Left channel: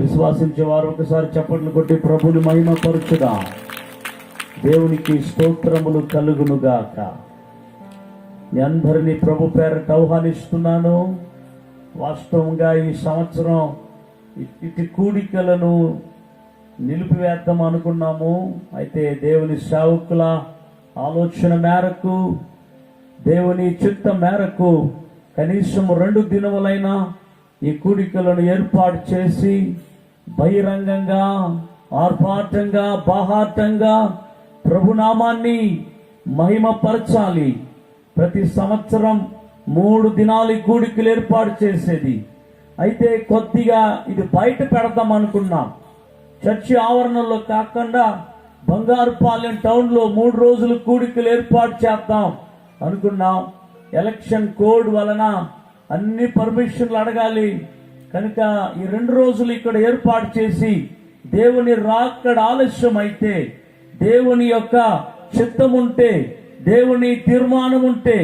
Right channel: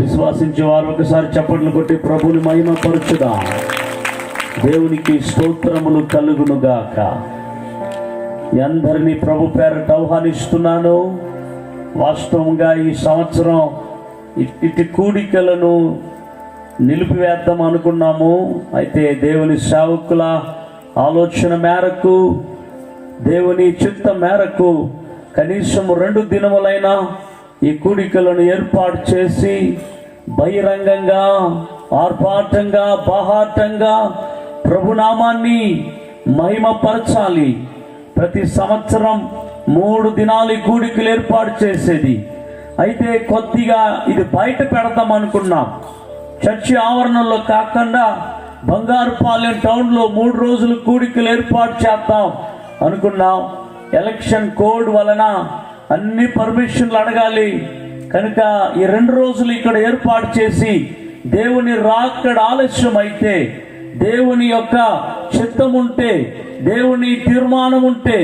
విశ్వాసించే వారు ఒకసారి చప్పట్లు కొట్టి ప్రభుని మహిమపరచుదా. దేవునికి స్తోత్రములు కలుగునుగాక. మీ అందరినీ ప్రభు పేరట ఆహ్వానిస్తున్నాను. వాస్తవంగా ఈ సంవత్సరం ఇటు కూడికలను నిలిపివేద్దాం అనుకున్నాము. అయితే దేవుని సేవకుల ఆలోచన మేరకు, దేవుని చిత్తం మేరకు కనీసం 2 దినములైనా ఈ కూడికలను ఏర్పాటు చేసి బహిరంగంగా, ఆర్భాటంగా, బాహాటంగా ప్రభునామాన్ని మహిమపరచాలి. ప్రతి సంవత్సరం 3 దినాలు ఈ కూడికలు ఏర్పాటు చేసేది. అయితే కొద్దిగా ఇది బయట పెడదాం అనుకున్నాం. చర్చి ఆవరణలో కాకుండా బంగారుపాలెం టౌన్లో 3 రోజులు కూడికలు ఏర్పాటు చేద్దాం అనుకున్నాం. ఎలక్షన్ కోడ్ వలన అన్ని పర్మిషన్లు అడగాలి కనుక ఈ 2 రోజులు ఇక్కడ ఏర్పాటు చేసి, దేవుని రాకడ ఆలస్యం అయితే, దేవుని యొక్క చిత్తం ఉంటే, దేవుని తీర్మానం ఉంటే,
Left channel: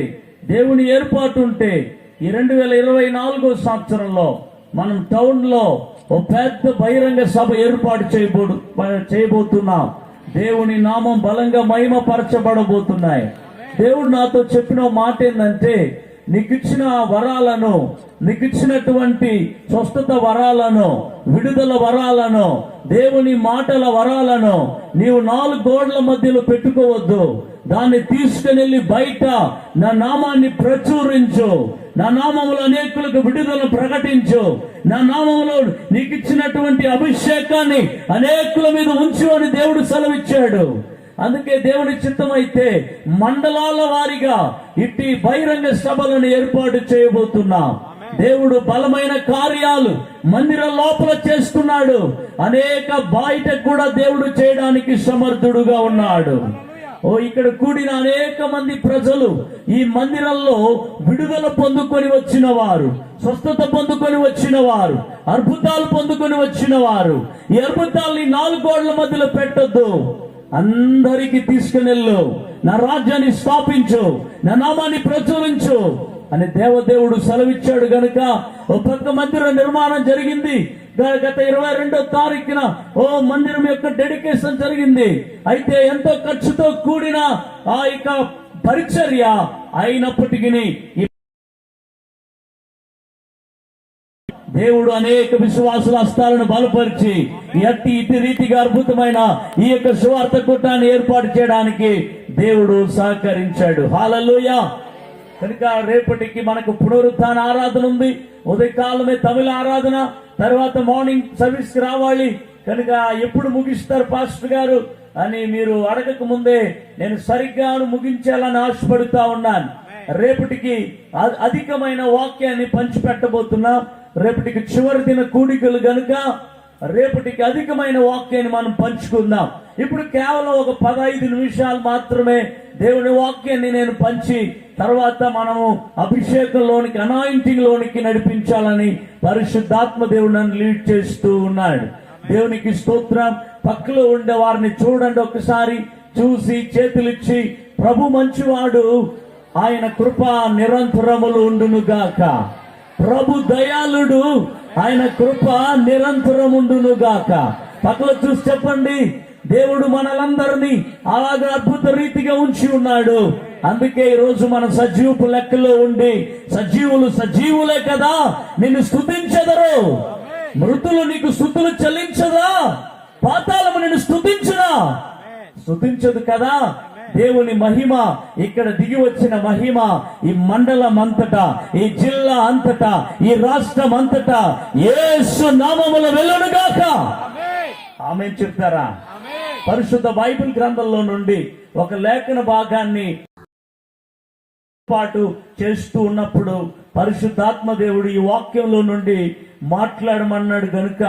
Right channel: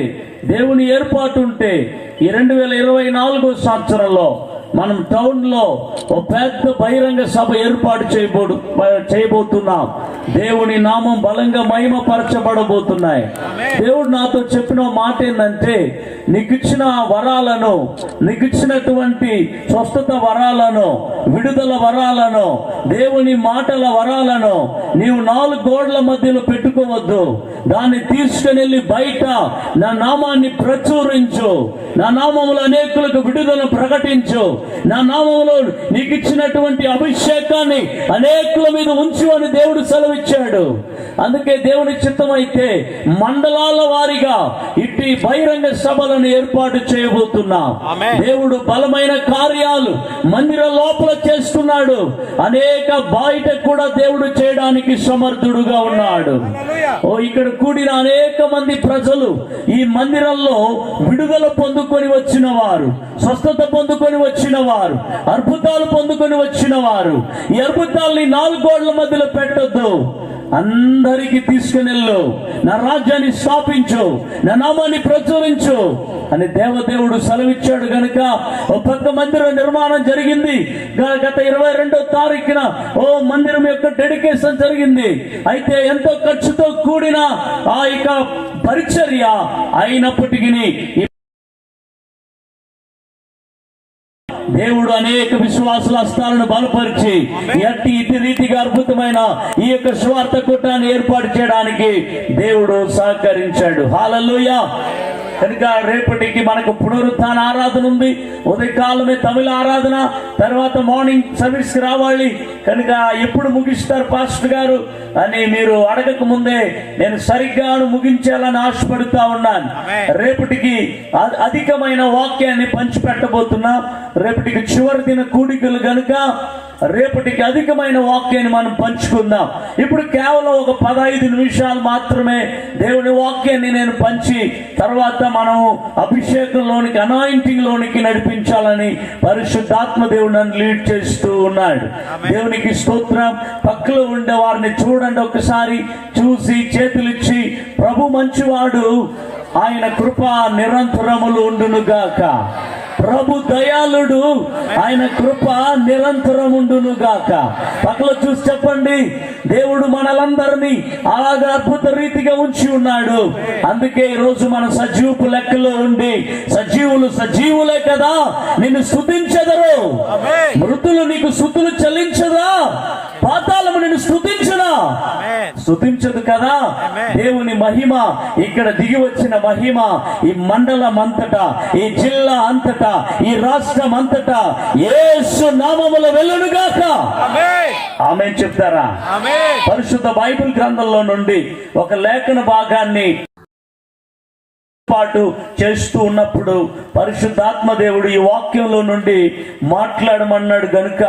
దేవుని ఏర్పాటు ఉంటే ఈ 2024 సంవత్సరంలో మనం టౌన్లో ఓ పెద్ద బహిరంగ సభ ఏర్పాటు చేయబోతున్నాం. దేవుని నామం బలంగా మహిమపరచబడబోతున్నాయి. దేవుడు నాతో చెప్పిన మాట ఏంటంటే, నీకు ఇచ్చిన వరాలను, నీకు ఇచ్చినటువంటి స్వస్థత వరాలను, విడుదల వరాలను, దేవుని మాటల వరాలను నీవు 4 గోడల మధ్యలో పెట్టుకోవద్దు. దాన్ని తీసుకుని బయట నా నామాన్ని ప్రచురించు, నా నామములో అనేకులకు విడుదల ప్రకటించు, నా నామములో నీకు ఇచ్చినటువంటి అభిషేకాన్ని అనేకుల మీద ఉంచు అని దేవుడు సెలవిచ్చాడు. అందుకే దేవుని చిత్తం అయితే మండలాల వారిగా ఇట్టి బహిరంగ సభలను ఏర్పాటు చేయబోతున్నాం. దేవుడు బలమైన కార్యాలు మందిర లోపల చేస్తున్నాడు. అనేక బయట కూడా దేవుడు చేయడానికి సమర్థుడుగా ఉన్నాడు. ఇక్కడ కూడిన అనేక మంది ప్రజలు ఈ మందిరంలో విడుదల పొందుకొని వచ్చిన వారు, స్వస్థత పొందుకొని వచ్చిన వారు, అద్భుతాలు పొందుకొని వచ్చిన వారు. ఈ అద్భుతాల్ని 4 గోడల మధ్యలో పెట్టొద్దు, అందరికి తీసుకునెళ్ళు, నా రాజ్యాన్ని స్థాపించు, నా నామాన్ని ప్రచురించు అని దేవదేవుడు సెలవిచ్చాడు. గనుక ఓ పక్క మందిర నిర్మాణం జరిగింది. గత 22వ తారీఖున మందిరం యొక్క డెడికేషన్ జరిగింది. అయితే ఎంతో ఖర్చుతో కూడిన ఆ యొక్క పరిచర్య అయినప్పటికీ దేవుడు అనేక విశ్వాసుల హస్తాలను బలపరిచి ఇటు రీతిగా అద్భుతమైన ఈ యొక్క సువార్త కూటాన్ని ఏర్పాటు చేయడానికి దేవుడు సహకరించాడు. హల్లెలూయా. కనుక రేపటికి మనకు పునరుత్థాన ఆరాధన ఉంది. ఉదయకాలమే తమిళ ఆరాధన, తర్వాత మార్నింగ్ సర్వీస్కి రావాలి. కనుక ఎప్పుడు ముగిస్తారు పాస్టర్ గారు అని మీరు అడగక ముందే నేను సరిగ్గా ముగించాలని ఆశపడుతూ ఉన్నాను. రేపటికి అధికమైన వాక్యాన్ని పంచిపెట్టబోతున్నా. రేపటికి చివరి దిన కూడికలు గనుక రేపటికి అధికమైన వాక్యాన్ని మనం పంచుకుందాం. ఇప్పుడు కేవలం ఒక 15 నిమిషాలు మాత్రమే దేవుని వాక్యాన్ని నేను పంచి తర్వాత మనం అభిషేకంలోనికి, అనాయింటింగ్ లోనికి నడిపించాలని పరిశుద్ధాత్మ దేవుడు నన్ను లీడ్ చేస్తూ ఉన్నాడు. దేవునికి స్తోత్రం. పక్కలో ఉండే వారిని చూడండి, ఒకసారి చూసి చేతులిచ్చి, ప్రభు మంచివాడు, ఆయన కృప నిరంతరములు ఉండునుగాక. ప్రభు దయాళుడు, ఆయన కృప నిరంతరం ఉండునుగాక. పక్కలో చూసి చెప్పండి, దేవుడు మనలందరినీ అలాగా అద్భుత రీతిగా ఉంచి ఉన్నాడు. అందుకే ఈ రోజు మన సజీవపు లెక్కలో ఉండి, సజీవులే కదా నిన్ను స్తుతించెదరు, మృతులు నీకు స్తుతులు చెల్లించదా, పాతాళము నిన్ను స్తుతించదు కదా. దేవుని మహిమ ఇక్కడ దిగి వచ్చిన మహిమ ఈ మండలం అంతటా, ఈ జిల్లా అంతటా, ఈ రాష్ట్రం అంతటా యేసు నామములో వెళ్ళునుగాక. ఆమేన్ చెప్తారా? పరిశుద్ధ బైబిల్ గ్రంథంలో నుండి ఒక లేఖన భాగాన్ని పాటు చేస్తూ ఉన్నప్పుడు పరిశుద్ధాత్మ దేవుడు ఈ వాక్యంలో నుండి మాట్లాడమన్నాడు. గనుక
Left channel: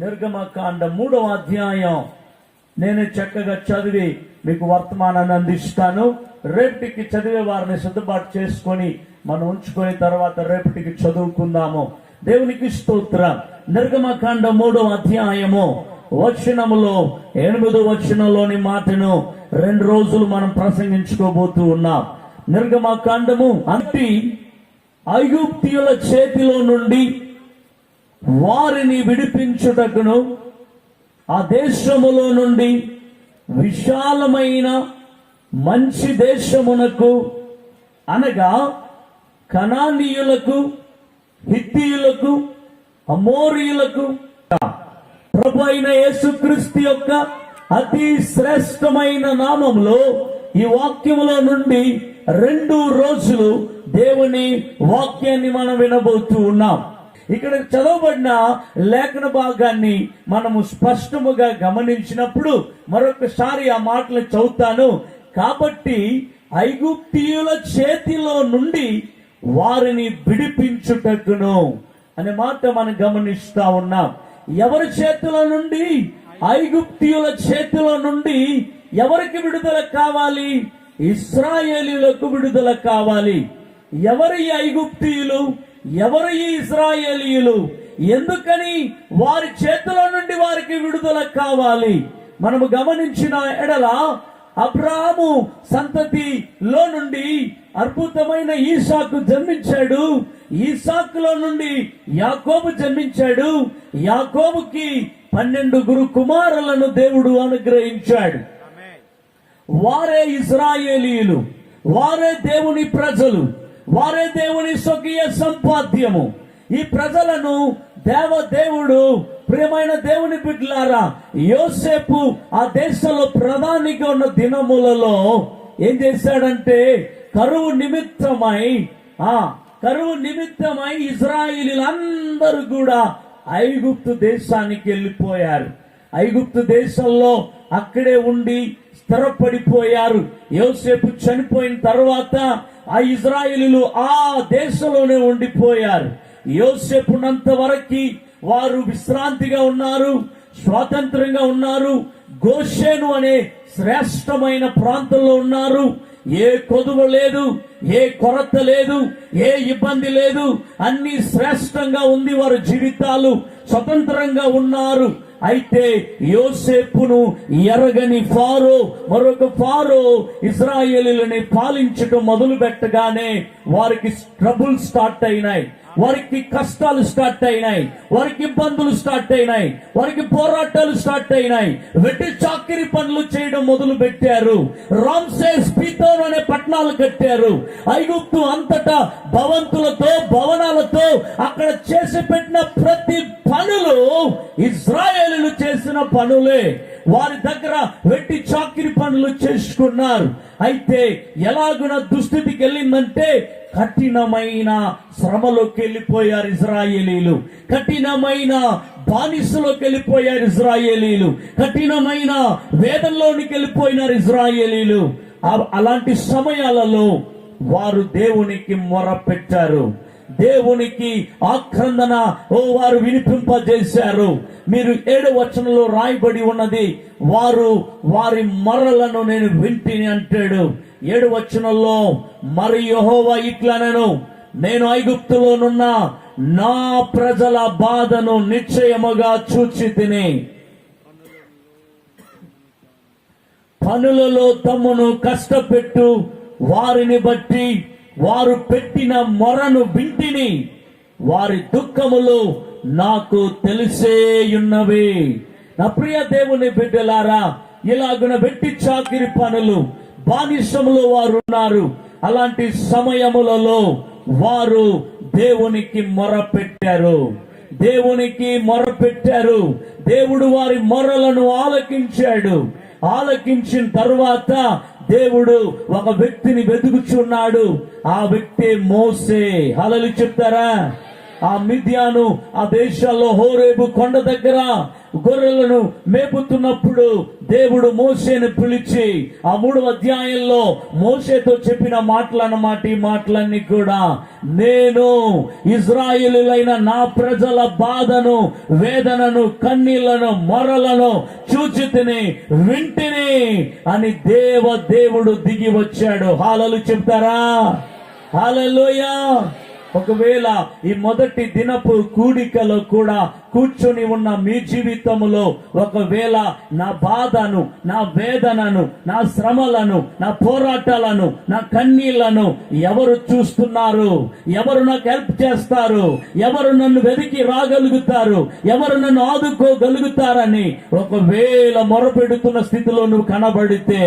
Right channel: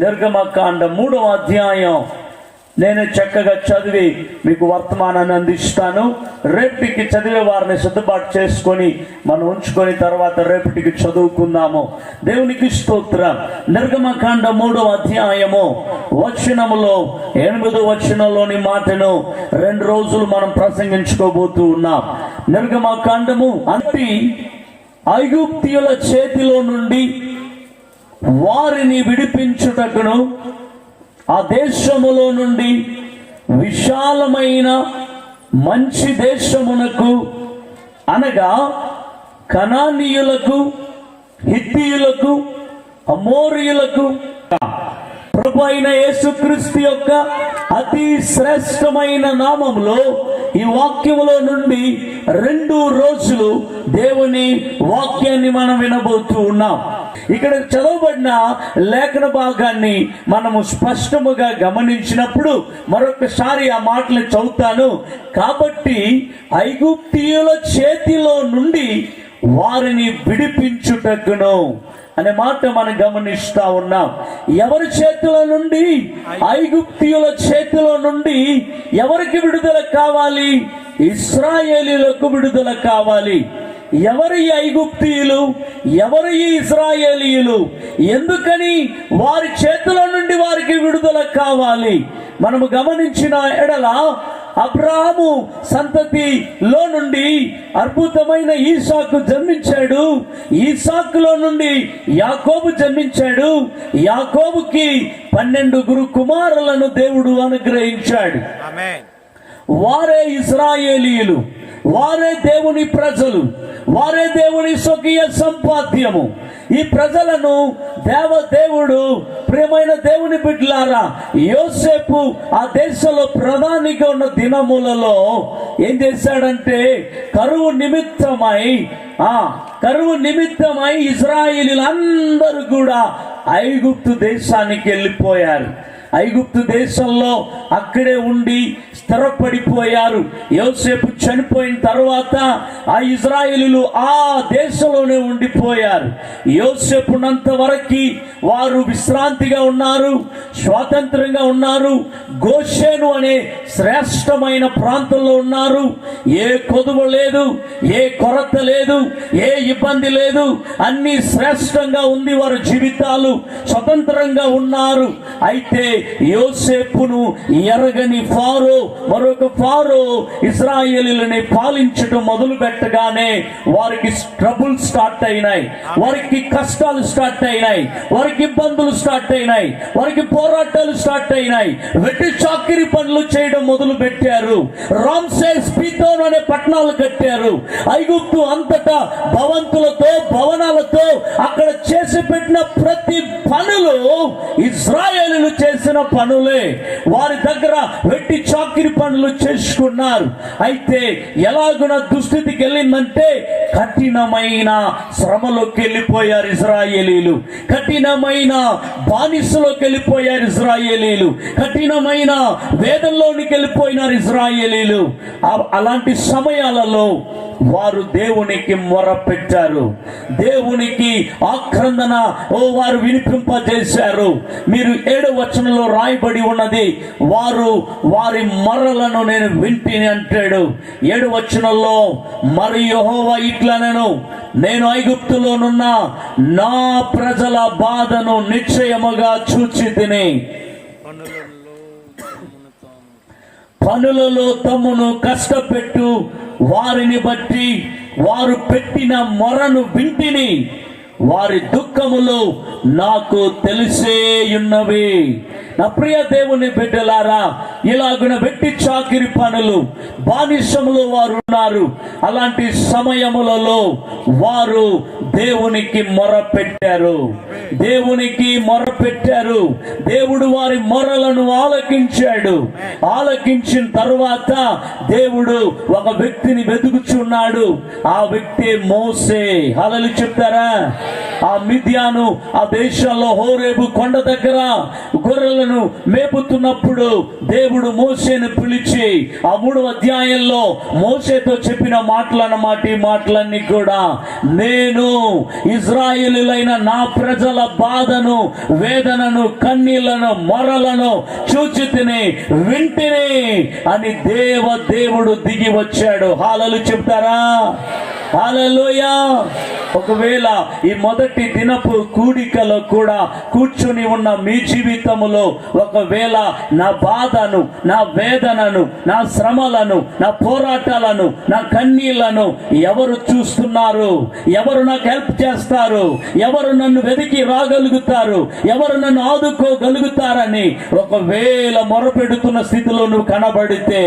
నిర్గమకాండం 3వ అధ్యాయం నేను చక్కగా చదివి మీకు వర్తమానాన్ని అందిస్తాను. రేపటికి చదివే వారిని సర్దుబాటు చేసుకొని మనం ఉంచుకొని తర్వాత రేపటికి చదువుకుందాము. దేవునికి స్తోత్రం. నిర్గమకాండం 3వ అధ్యాయము వచనములో 8వ వచనంలోని మాటను 2 రోజులు మనం ప్రసంగించుకోబోతూ ఉన్నాం. నిర్గమకాండము అంటే ఐగుప్తీయుల చేతిలో నుండి వారిని విడిపించుటకును ఆ దేశములో నుండి విశాలమైన మంచి దేశమునకు అనగా కనానీయులకు, హిత్తీయులకు, అమోరీయులకు ప్రభు అయిన యేసుక్రీస్తు యొక్క అతి శ్రేష్టమైన నామములో ఈ వాక్యములో నుండి 2 రోజులు దేవుని వాక్యాన్ని మనం వినబోతూ ఉన్నాం. ఇక్కడ చదవబడిన లేఖన భాగాన్ని మనము స్పష్టముగా గమనించినప్పుడు మరొకసారి ఆ మాటలు చదువుతాను. కాబట్టి ఐగుప్తీయుల చేతిలో నుండి వారిని విడిపించుటకును అనే మాట మనం గమనిస్తా ఉన్నాం. ఎవరి చేతుల నుండి? ఐగుప్తీయుల చేతిలో నుండి. ఎవరికి విడుదల కావాలి? ఇశ్రాయేలీయులకు విడుదల కావాలి. ఎవరి ఐగుప్తీయులు? ఎవరి ఇశ్రాయేలీయులు? ఎందుకని వారి చేతిలో నుండి వారికి విడుదల కావాలి? మనము గమనించిన ఎడల అబ్రాహాము సంతతిలో నుండి అద్భుతమైన ఈసాకు జన్మించాడు. ఈసాకులో నుండి యాకోబు జన్మించాడు. యాకోబుకి 12 కుమారులను దేవుడు అనుగ్రహించాడు. వారే ఇశ్రాయేలీయులు, వారే దేవుని ప్రజలు, వారే దేవుని స్వకీయ సంపాద్యము. ఈ ప్రజలను దేవుడు ప్రియమైన దేవుని బిడ్డలారా, యోసేపు ఆ దేశంలో ప్రధానిగా ఉన్న దినములలో ఏం చేశాడంటే కరువు నిమిత్తమై ఇశ్రాయేలీయులందరూ కూడా ఐగుప్తు దేశానికి వెళ్ళిపోయారు. ఐగుప్తు దేశంలో అక్కడే ఉండి స్థిరపడిపోయారు. యోసేపు చనిపోయిన తర్వాత ఆ ఇశ్రాయేలీయులు ఆ దేశంలోనే ఉండిపోయారు. యోసేపునంత వరకు వారు విశ్రాంతిగా ఉన్నారు, స్వాతంత్రంగా ఉన్నారు. గోషేను అనే శ్రేష్టమైన ప్రాంతంలో ఉన్నారు. ఏ కొదువ లేదు, ఏ కొరత లేదు, ఏ ఇబ్బంది లేదు. అన్ని శ్రేష్టంగా ఉంది. వారి జీవితాలు స్వతంత్రంగా ఉన్నారు. అయితే యోసేపును ఎరగని ఫారో, మరొక ఫారో ఇశ్రాయేలీయులని పాలించడం మొదలు పెట్టగానే వారికి ట్రబుల్ స్టార్ట్ అయినాయి, వారికి కష్టాలు స్టార్ట్ అయినాయి, వారికి ఇబ్బందులు స్టార్ట్ అయినాయి, వారికి పోరాటాలు స్టార్ట్ అయినాయి. వెట్టి చాకిరి పనులు చేయడం మొదలు పెట్టారు. రామ్సేస్, పీతోన్ అనే పట్టణాలు కట్టారు. ఐగుప్తు అంతటా భవంతులతో, భవనాలతో అక్కడ చేసి పెట్టిన ప్రతి పనులు ఇశ్రాయేలీయులు చేసిన పనులే. వారి దగ్గర వెట్టి చాకిరి పనులు చేసుకున్నారు. అయితే ఎలాగున దుస్థితికి వెళ్ళిందంటే కఠినమైన శ్రమలోకి వెళ్ళిపోయారు ఇశ్రాయేలీయులు. కఠినమైన బానిసలోకి వెళ్ళిపోయారు ఇశ్రాయేలీయులు. కఠినమైన వేదనలోనికి వెళ్ళిపోయినారు ఇశ్రాయేలీయులు. అలాంటి సమయాలలో వారు దేవునికి మొర పెట్టారు. దేవునికి ఆక్రందన వారు వినిపింపజేశారు. మీరు 7వ వచనంలో రాయబడి ఉన్నది, వారి మొరలను నేను వింటిని అంటాడు. 7వ వచనంలో, మరి యెహోవా ఇట్లనెను, నేను ఐగుప్తులోనున్న నా ప్రజల బాధను నిశ్చయముగా చూచితిని. పనులలో తమ్మును కష్టపెట్టు వారిని బట్టి వారు పెట్టిన మొరను వింటిని. వారి దుఃఖములో నాకు తెలిసేయున్నవి. నా ప్రియ దేవుని బిడ్డలారా, ఇలాగున వెట్టి చాకిరి పనులు, బానిసములో వారు ఉన్నారు. అలాంటి సమయములలో వారు దేవునికి మొరపెట్టారు. దేవునికి మొరపెట్టారు. దేవుడు వారి మొరలను ఆలకించాడు. ఆలకించిన తర్వాత దేవుడు ఒక వ్యక్తిని వెతుకుచున్నాడు. ఆ వ్యక్తి మోసే. హల్లెలూయా చెప్తారా? ఆ మిద్యాను ఆ దేశంలో హోరేబు కొండ దగ్గర గొర్రెలను మేపుతున్నప్పుడు దేవుడు మోసేను పిలిచి ఆ 3వ అధ్యాయంలో మోసేతో చెప్పిన మాటలన్నమాట. ఈ మాటలన్నీ కూడా, నేను ఇశ్రాయేలీయులైన నా ప్రజల బాధను, వేదనను, కన్నీళ్లను, మొరలను చూచితిని, వింటిని అని దేవుడు దిగి వచ్చాడు. హల్లెలూయా చెప్తారా? హల్లెలూయా. ఒకవేళ ఈ మొదటి దినపు కూడికలో కూడా కూర్చొని ఉన్న మీ జీవితములో ఒకవేళ నా బాధను, నా వేదనను, నా శ్రమలను, నా పోరాటాలను, నా కన్నీళ్లను ఎవరు చూస్తున్నారు, ఎవరు నాకు హెల్ప్ చేస్తారు, ఎవరు నన్ను వెతికి రాగలుగుతారు, ఎవరు నన్ను ఆదుకోగలుగుతారని ఒకవేళ మొరపెడుతున్న స్థితిలో నువ్వు కనబడితే,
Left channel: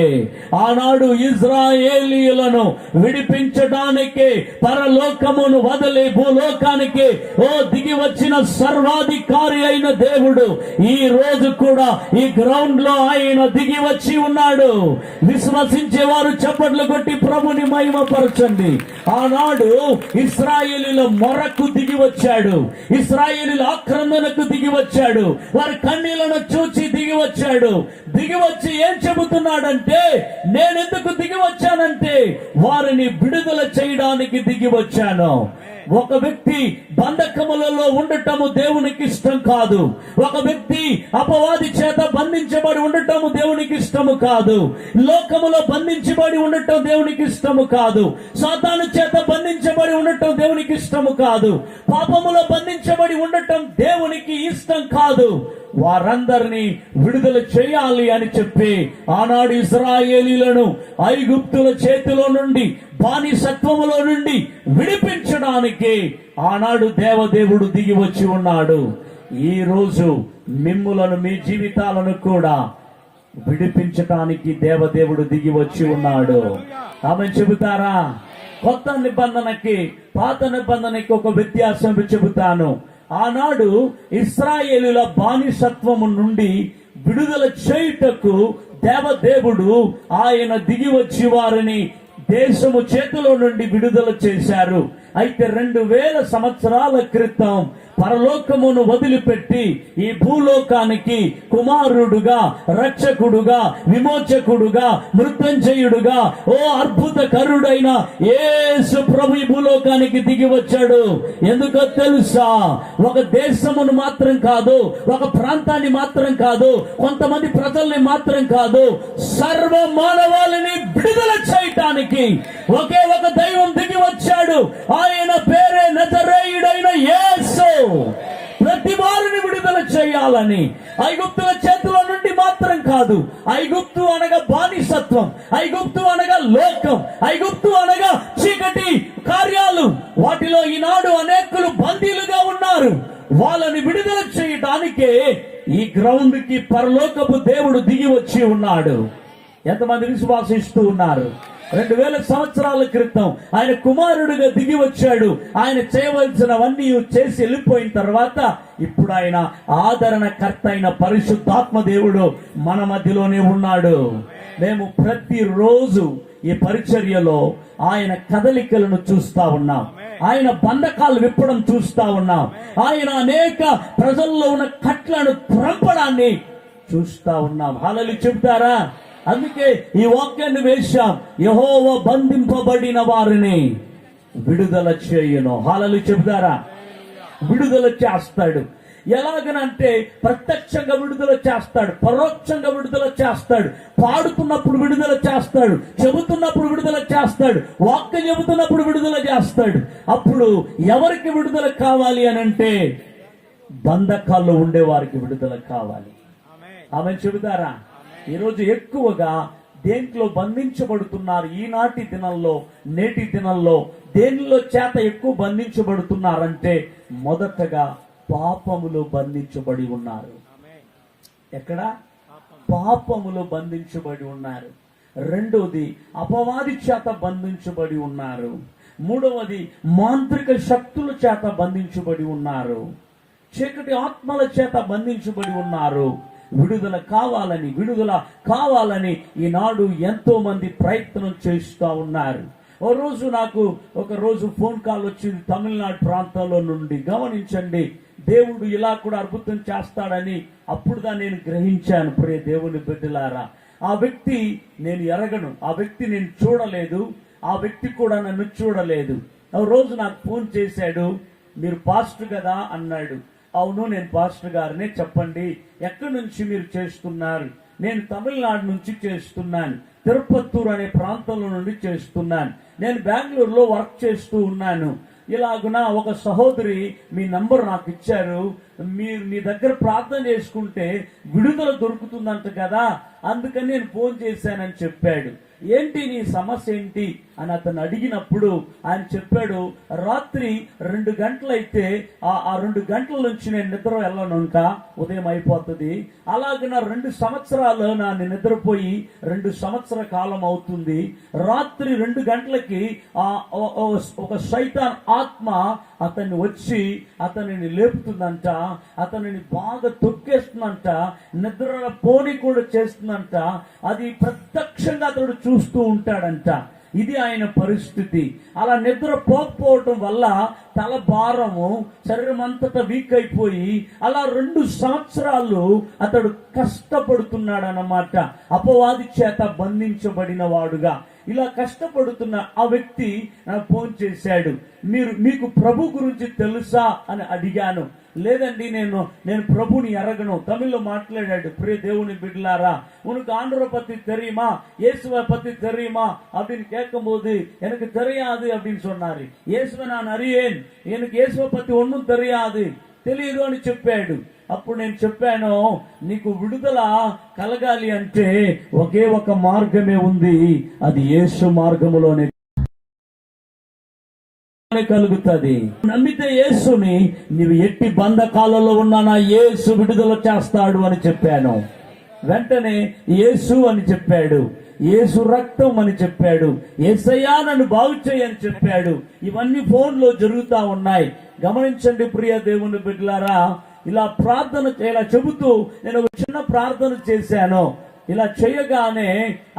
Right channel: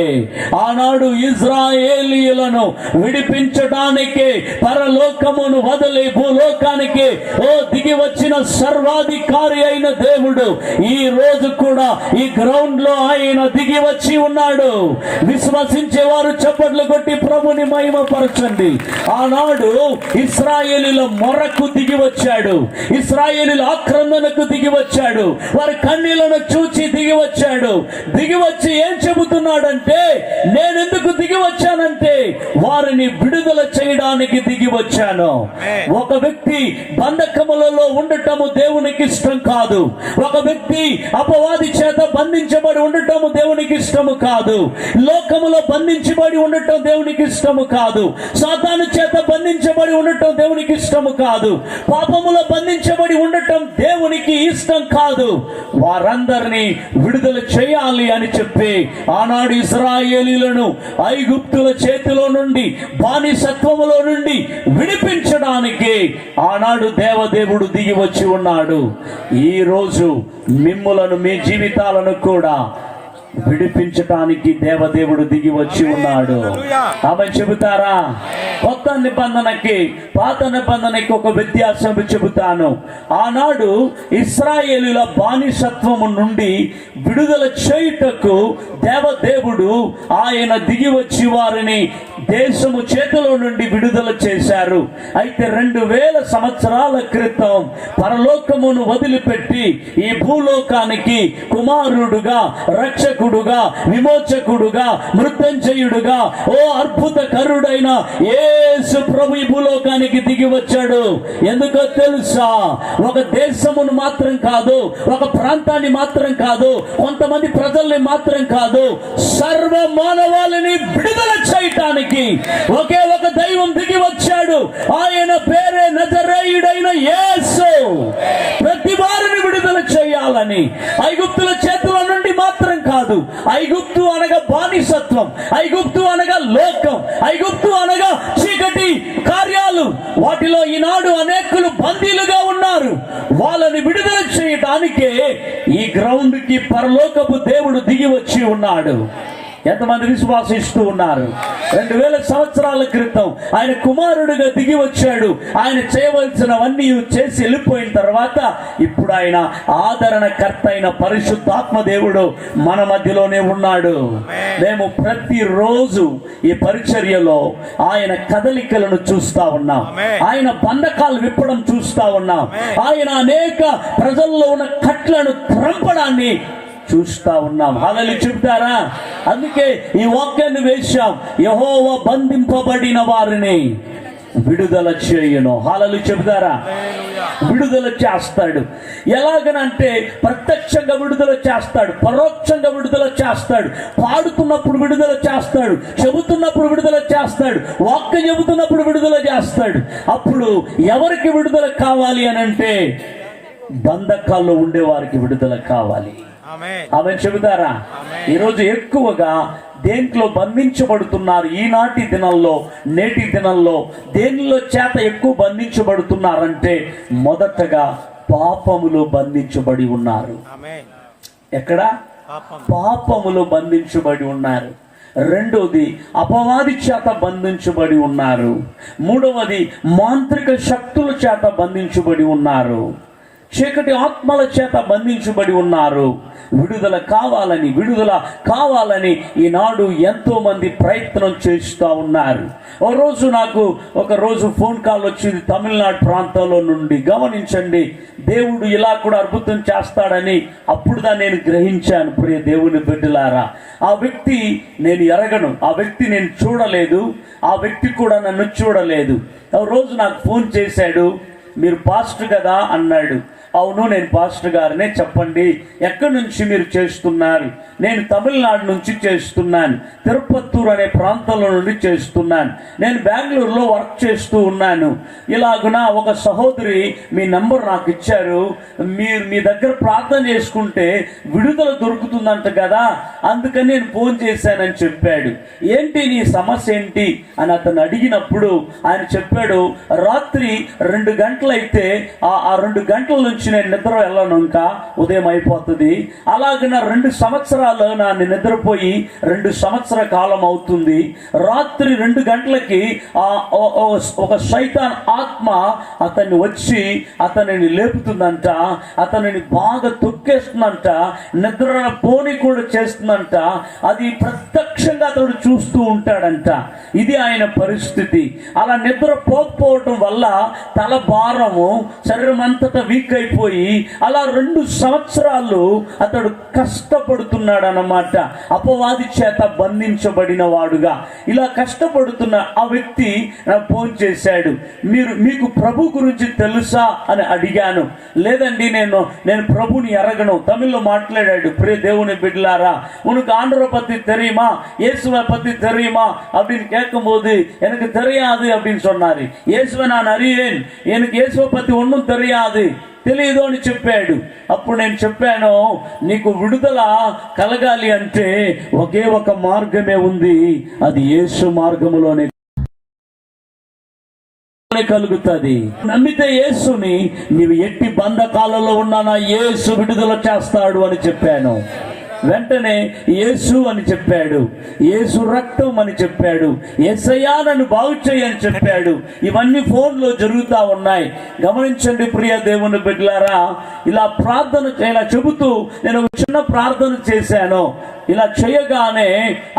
ఆనాడు ఇజ్రాయేలీయులను విడిపించడానికి పరలోకమును వదిలి భూలోకానికి దిగి వచ్చిన సర్వాధికారి అయిన దేవుడు ఈ రోజు కూడా ఈ గ్రౌండ్ లో ఆయన దిగి వచ్చి ఉన్నాడు. విశ్వసించే వారు చప్పట్లు కొట్టి ప్రభుని మహిమపరచండి. ఆనాడు ఇశ్రాయేలీయుల మొరకు దిగి వచ్చాడు, ఇశ్రాయేలీయుల ఆక్రందనకు దిగి వచ్చాడు, వారి కన్నీళ్లను చూచి దిగి వచ్చాడు. దిగి వచ్చి ఏం చెబుతున్నాడంటే, నేనెందుకు దిగి వచ్చానంటే వారిని విడుదల చేయడానికి దిగి వచ్చాను. ఒక వ్యక్తి బంధకములలో ఉండటము దేవునికి ఇష్టం కాదు. ఒక వ్యక్తి అపవాది చేత బంధించబడి ఉండటము దేవునికి ఇష్టము కాదు. లోకములో బంధించబడి ఉండటం దేవునికి ఇష్టము కాదు. సాతాను చేత బంధించబడి ఉండటం దేవునికి ఇష్టము కాదు. పాపములో బంధించబడి ఉండటం దేవునికి ఇష్టం కాదు. వారందరినీ విడుదల చేయాలి అని చెప్పి ఆనాడు ఇశ్రాయేలీయులను ఐగుప్తుల చేతిలో నుండి, బానిసత్వములో నుండి విడిపించడానికి ఆనాడు దేవదేవుడు దిగి వచ్చి ఉన్నాడు. ఈ రోజు మిమ్ములను, మీ జీవితాలను కూడా విడిపించటానికి దేవదేవుడు దిగి వచ్చి ఉన్నాడు. ఆమె చెబుతారా? కొత్త నిబంధనకి పాత నిబంధనకి ఒక వ్యత్యాసం చెబుతాను. ఆనాడు ఇశ్రాయేలుల బానిసత్వము నుండి విడుదల చేయుటకు దేవదేవుడు ఆయన దిగి వచ్చి వారిని దేశము చేతిలో నుండి విడుదల చేశారు. అయితే 2000 సంవత్సరాల క్రితం పరలోకమును వదిలిపెట్టి ఈ భూలోకానికి కుమారుడుగా, రక్షకుడుగా, విమోచకుడుగా, మృత్యుంజయుడుగా, అద్భుతకరుడైన యేసు ప్రభు ఈ భూలోకానికి దిగి వచ్చాడు. ఎందుకో తెలుసా? ఒక దేశమును మాత్రం కాదు, ఒక ప్రాంతాన్ని మాత్రం కాదు, కొంతమంది ప్రజల్ని మాత్రం కాదు, సర్వ మానవాళిని విడుదల చేయటానికి ఒకే ఒక దైవం దిగి వచ్చాడు. ఆయన పేరే నజరేయుడైన యేసు. ప్రతి వారిని విడుదల చేయాలని, ఐగుప్తుల చేతుల నుండి మాత్రం కాదు. ఐగుప్తు అనగా బానిసత్వం, ఐగుప్తు అనగా లోకం, ఐగుప్తు అనగా చీకటి కార్యాలు. వాటిలో ఈనాడు అనేకులు బందీలుగా ఉన్నారు. వాళ్ళని విడుదల చేయడానికే ఈ గ్రౌండ్ కి పరలోకపు దేవుడు దిగి వచ్చి ఉన్నాడు. ఎంతమంది విశ్వాసిస్తూ ఉన్నారు? 2000 సంవత్సరాల క్రితం ఆయన కుమారుడిగా దిగి వచ్చాడు. ఆయన చేయవలసినవన్నీ చేసి వెళ్ళిపోయిన తర్వాత ఇప్పుడు ఆయన ఆదరణకర్త అయిన పరిశుద్ధాత్మ దేవుడు మన మధ్యలోనే ఉన్నాడు. మేము ప్రతిరోజు ఈ పరిచర్యలో ఆయన కదలికలను చూస్తా ఉన్నాం, ఆయన బంధకాలు విప్పడం చూస్తా ఉన్నాం, ఆయన అనేక ప్రజల్లో ఉన్న కట్లను త్రంపడాన్ని చూస్తా ఉన్నాం. హల్లెలూయా చెప్తారా? అందుకే ఈ వాక్యాన్ని వేశాం, యెహోవా బంధింపబడిన వారిని విడుదల చేయును. హల్లెలూయా చెప్తారా? విడుదల చేస్తాడు. ఎలాగనంటే ప్రత్యక్షంగా విడుదల చేస్తాడు, పరోక్షంగా విడుదల చేస్తాడు. పాడుతున్నప్పుడు విడుదల చేస్తాడు, చెబుతున్నప్పుడు విడుదల చేస్తాడు, వాక్యం చెబుతున్నప్పుడు విడుదల చేస్తాడు. అప్పుడు ఎవరికి విడుదల కావాలి అని అంటే బంధకాల్లో ఉండే వారికి విడుదల కావాలి. ఆమె చెబుతారా? ఈరోజు ఎక్కువగా దేంట్లో బంధించబడుతున్నారు? ఈనాటి దినాల్లో, నేటి దినాల్లో దేనిలో చేత ఎక్కువ బంధించబడుతున్నారంటే మొదటగా పాపములో బంధించబడి ఉన్నారు. ఎక్కడ? పాపములో బంధించబడి ఉన్నారు. రెండోది అపవాది చేత బంధించబడి ఉన్నారు. మూడవది మాంత్రిక శక్తుల చేత బంధించబడి ఉన్నారు. చీకటి ఆత్మల చేత బంధించబడి ఉన్నారు. విడుదల కావాలని ఈనాడు ఎంతో మంది ప్రయత్నం చేస్తూ ఉన్నారు. ఒక రోజు ఫోన్ కాల్ వచ్చింది తమిళనాడు ప్రాంతంలో నుండి. గమనించండి, దేవుడు ఇలా కూడా అద్భుతం చేస్తాడని అప్పుడుదా నేను గ్రహించాను. ప్రియ దేవుని బిడ్డలారా, ఆ వ్యక్తి నేను ఎరగను, ఆ వ్యక్తి నేను చూడలేదు, ఆ వ్యక్తి కూడా నన్ను చూడలేదు. ఒక రోజు నాకు ఫోన్ చేశాడు. మీరు పాస్టర్ కదా అన్నాడు. అవును, నేను పాస్టర్ గారినే. చెప్పండి, ఎక్కడి నుంచి మీరు చేస్తున్నారు? నేను తమిళనాడు నుంచి చేస్తున్నాను, తిరుపత్తూరు అనే ప్రాంతంలో నుండి చేస్తున్నాను. నేను బెంగళూరులో వర్క్ చేస్తూ ఉన్నాను. ఇలాగున ఒక సహోదరి మీ నంబర్ నాకు ఇచ్చారు, మీరు మీ దగ్గర ప్రార్థన చేసుకుంటే విడుదల దొరుకుతుందంట కదా, అందుకని నేను ఫోన్ చేశానని చెప్పాడు. ఏంటి నీ సమస్య ఏంటి అని అతను అడిగినప్పుడు ఆయన చెప్పాడు, రాత్రి 2 గంటలైతే ఆ 2 గంటల నుంచి నేను నిద్ర వెళ్ళను, ఇంకా ఉదయం అయిపోతుంది. అలాగే నా 2 సంవత్సరాలు నాన్న నిద్రపోయి 2 సంవత్సర కాలం అవుతుంది. రాత్రి 2 గంటలకి ఒక శైతాన్ ఆత్మ అతన్ని వచ్చి అతనిని లేపుతుందంట, అతనిని బాగా తొక్కేస్తుందంట, నిద్ర పోని కూడా చేస్తుందంట. అది ప్రత్యక్షంగా అతడు చూస్తూ ఉంటాడంట. ఇది ఆయన పరిస్థితి. అలా నిద్ర పోకపోవటం వల్ల తల భారము, శరీరం అంతటా వీక్ అయిపోయి అలా 2 సంవత్సరాలు అతడు కష్టపడుతున్నాడు అన్నమాట. అపవాది చేత బంధించబడిన వాడుగా ఇలా కష్టపడుతున్న ఆ వ్యక్తి నాకు ఫోన్ చేశాడు. మీకు ప్రభు గురించి తెలుసా అని అడిగాను. లేదండి, నేను ప్రభుని ఎరగను. తమిళ్లో మాట్లాడాడు. ప్రియ దేవుని బిడ్డలారా, உனக்கு ஆண்டவரை பத்தி தெரியுமா, இயேசுவை பத்தி தெரியுமா அப்படின்னு கேட்கும்போது எனக்கு தெரியாது அப்படின்னு சொன்னாரு. இயேசுவை நான் அறியேன், எனக்கு இயேசுவை பத்தி ஒன்றும் தெரியாது, తెలియదు అని చెప్పాడు. అప్పుడు నేను చెప్పాను, నీకు విడుదల కలగాలి అంటే ఒకే ఒక మార్గమే ఉంది, అది యేసు మార్గములోనే కలుగుతుంది. నమ్మితే యేసుని నీవు ఎట్టి బంధకాలలో ఉన్నా యేసు విడుదల చేస్తాడు అని చెప్పాను. వెంటనే యేసు అని చెప్పాడు, యేసు రక్తం అని చెప్పాడు, యేసయ్యా నన్ను బాగు చేయని చెప్పాడు. ఇవన్నీ ఫోన్లో జరుగుతూ ఉన్నాయి. గమనించండి ప్రియ దేవుని బిడ్డలారా, ఇలా చెబుతూ నేను ఒక చిన్న ప్రార్థన చేశాను. ఇలా చేయగానే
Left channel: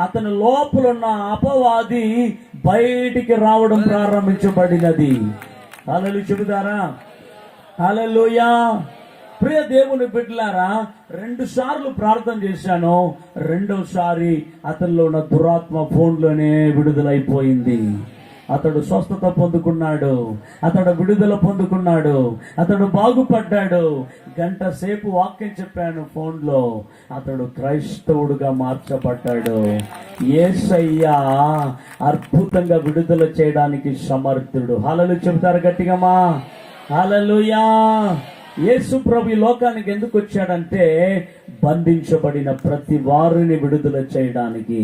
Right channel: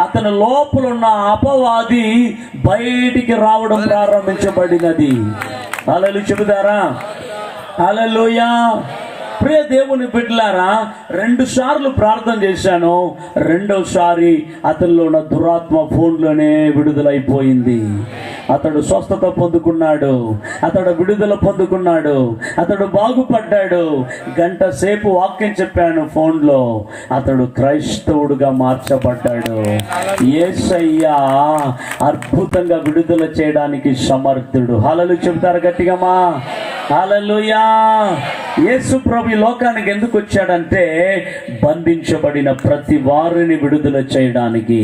అతని లోపల ఉన్న అపవాది బయటికి రావడం ప్రారంభించబడినది. హల్లెలూయా చెబుతారా? హల్లెలూయా. ప్రియ దేవుని బిడ్డలారా, 2 సార్లు ప్రార్థన చేశాను. 2వసారి అతనిలో ఉన్న దురాత్మ ఫోన్లోనే విడుదలైపోయింది. అతడు స్వస్థత పొందుకున్నాడు, అతడు విడుదల పొందుకున్నాడు, అతడు బాగుపడ్డాడు. 1 గంట సేపు వాక్యం చెప్పాను ఫోన్లో, అతడు క్రైస్తవుడుగా మార్చబడ్డాడు. యేసయ్య అద్భుతంగా విడుదల చేయడానికి సమర్థుడు. హల్లెలూయా చెబుతారు గట్టిగా? హల్లెలూయా. యేసు ప్రభు ఈ లోకానికి ఎందుకు వచ్చాడంటే బంధించబడిన ప్రతి వారిని విడుదల చేయడానికి.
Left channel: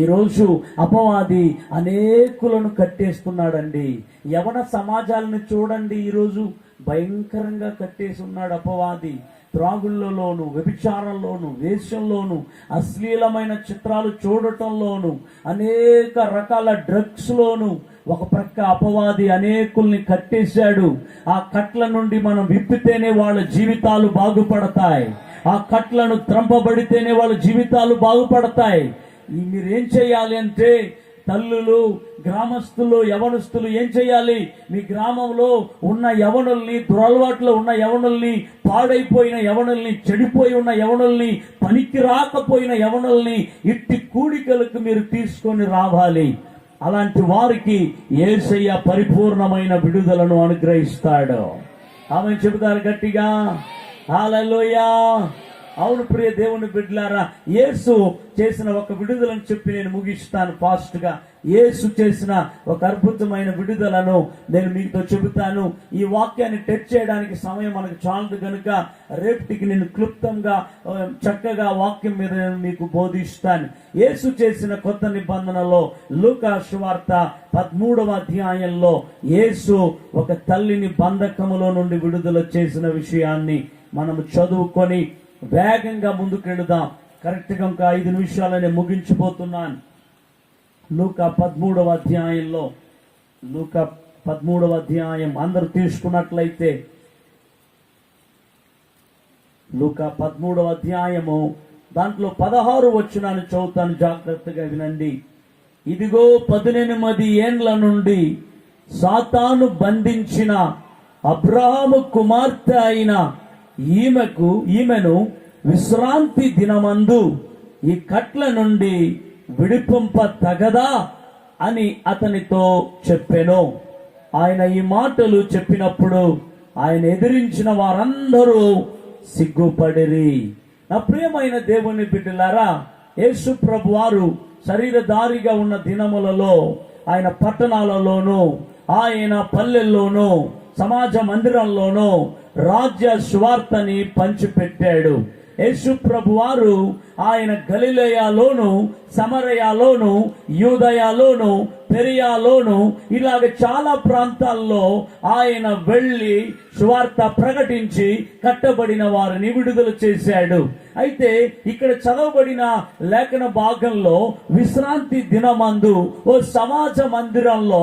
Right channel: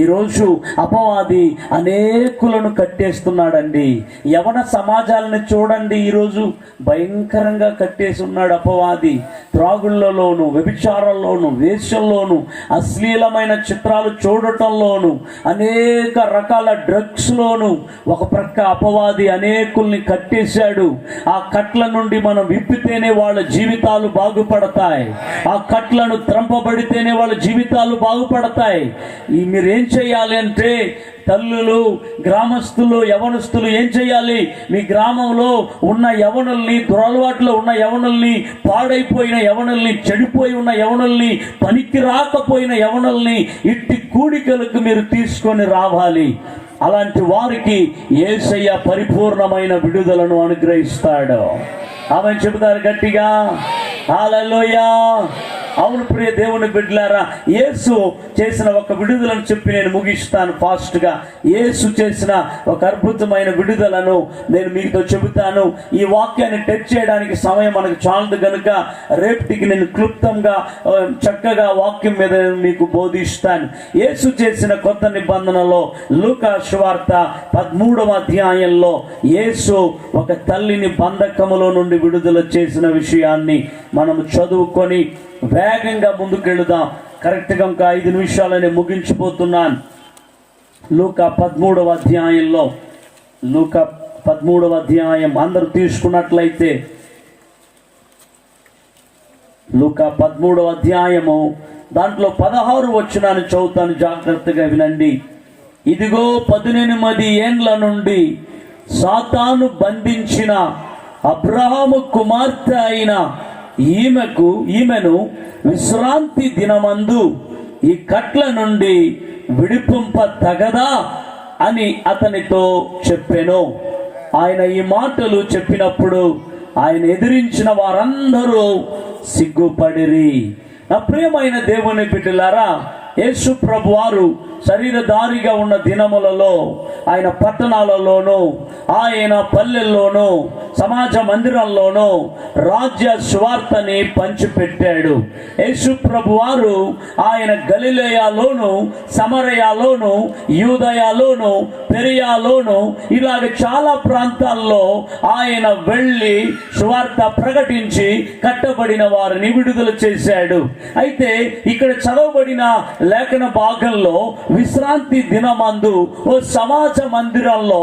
ఈరోజు అపవాది అనేకులను కట్టేస్తున్నాడండి. యవన సమాజాలను చూడండి, ఈరోజు భయంకరంగా కట్టేసి ఉన్నాడు అపవాది. త్రాగుళ్లలోను, వ్యభిచారంలోను, వేశ్యల్లోను, అశ్లీలమైన చిత్రాలు చూడటంలోను, అనేక రకాల డ్రగ్స్లోను ఒక ప్రక్క అపవాది అనేకుల్ని కట్టేశాడు. ఆ కట్ల నుండి మనం విప్పితేనే వాళ్ళ జీవితాలు బాగుపడతాయి. ఆ కట్లను త్రంపబడితేనే వాళ్ళ జీవితాలు బాగుపడతాయి. మీరేం చేయాలి అంటే, తల్లులు, గ్రామస్తులు, యవనస్తులు ఏం చేయాలి? మీ గ్రామంలో ఉన్న యవనుల్ని, దురలవాట్లో ఉన్న యవనుల్ని, పాడైపోయిన యవనుల్ని, చెడిపోయి ఉన్న యవనుల్ని, పనికి రాకపోయిన యవనుల్ని ఇట్టి కూడికలకు మీరు తీసుకొని రావాలి. అలాంటి వారికి యేసయ్య పరిపూర్ణమైన విడుదలను అనుగ్రహిస్తాడు. ఆమె చెబుతారు గట్టిగా? హల్లెలూయా. అవును ప్రియ దేవుని బిడ్డలారా, యేసు చేసిన ఒక విడుదలను చెప్పి నేను ముగిస్తాను ఫాస్ట్గా. యేసు చేసిన ఒక అద్భుతమైన విడుదలను నేను మీతో చెబుతాను. ఈ వాక్యాన్ని టచ్ చేయడానికి సమయం మనకు చాలదు కనుక రేపటికి నేను క్లుప్తంగా చక్కగా వాక్యం మీద మీకు బోధిస్తాను. యేసు చేసిన కొత్త నిబంధనలో లూకా సువార్త 13వ అధ్యాయంలో యేసు ఒక తల్లిని బంధకములో నుండి విడుదల చేసిన విషయాన్ని మనం చదువుకొని వేగంగా ముందుకెళ్దాం. కరెక్ట్గా ఇంకా 5 నిమిషాలనే ముగించిపోతున్నాను. లూకా 13వ అధ్యాయంలో, లూకా 13వ అధ్యాయం అందరూ తీసుకున్నట్లయితే, లూకా 13వ అధ్యాయము దాంట్లో 16 వచనాన్ని చదువుతాను, జాగ్రత్తగా వినండి. ఇదిగో 18 ఏండ్ల నుండి సాతాను బంధించిన అబ్రహాము కుమార్తె అయిన ఈమెను విశ్రాంతి దినమందు ఈ కట్ల నుండి విడిపింప తగదా అని అతనితో చెప్పెను. ఆయన ఈ మాటలు చెప్పినప్పుడు ఆయన ఎదిరించిన వారందరూ సిగ్గుపడిరి. నా ప్రియమైన దేవుని బిడ్డలారా, యేసు ప్రభు వారు శరీరధారిగా ఉన్న దినములలో ఆయన పట్టణాలలోనూ, ఆయన పల్లెల్లోనూ, సమాజ మందిరంలోనూ రాజ్య సువార్తని పంచిపెట్టాడు. యేసు ప్రభు వారు ఆయన గలిలయలోను, సమరయలోను, యూదయలోను, పెరియాలోను ఇలాగ చాలా ప్రాంతాల్లో ఆయన వెళ్ళి సువార్త ప్రకటించి కట్టబడిన వారిని విడుదల చేశాడు. అయితే ఇక్కడ చదవబడిన లేఖన భాగంలో విశ్రాంతి దినమందు ఓ సమాజ మందిరంలో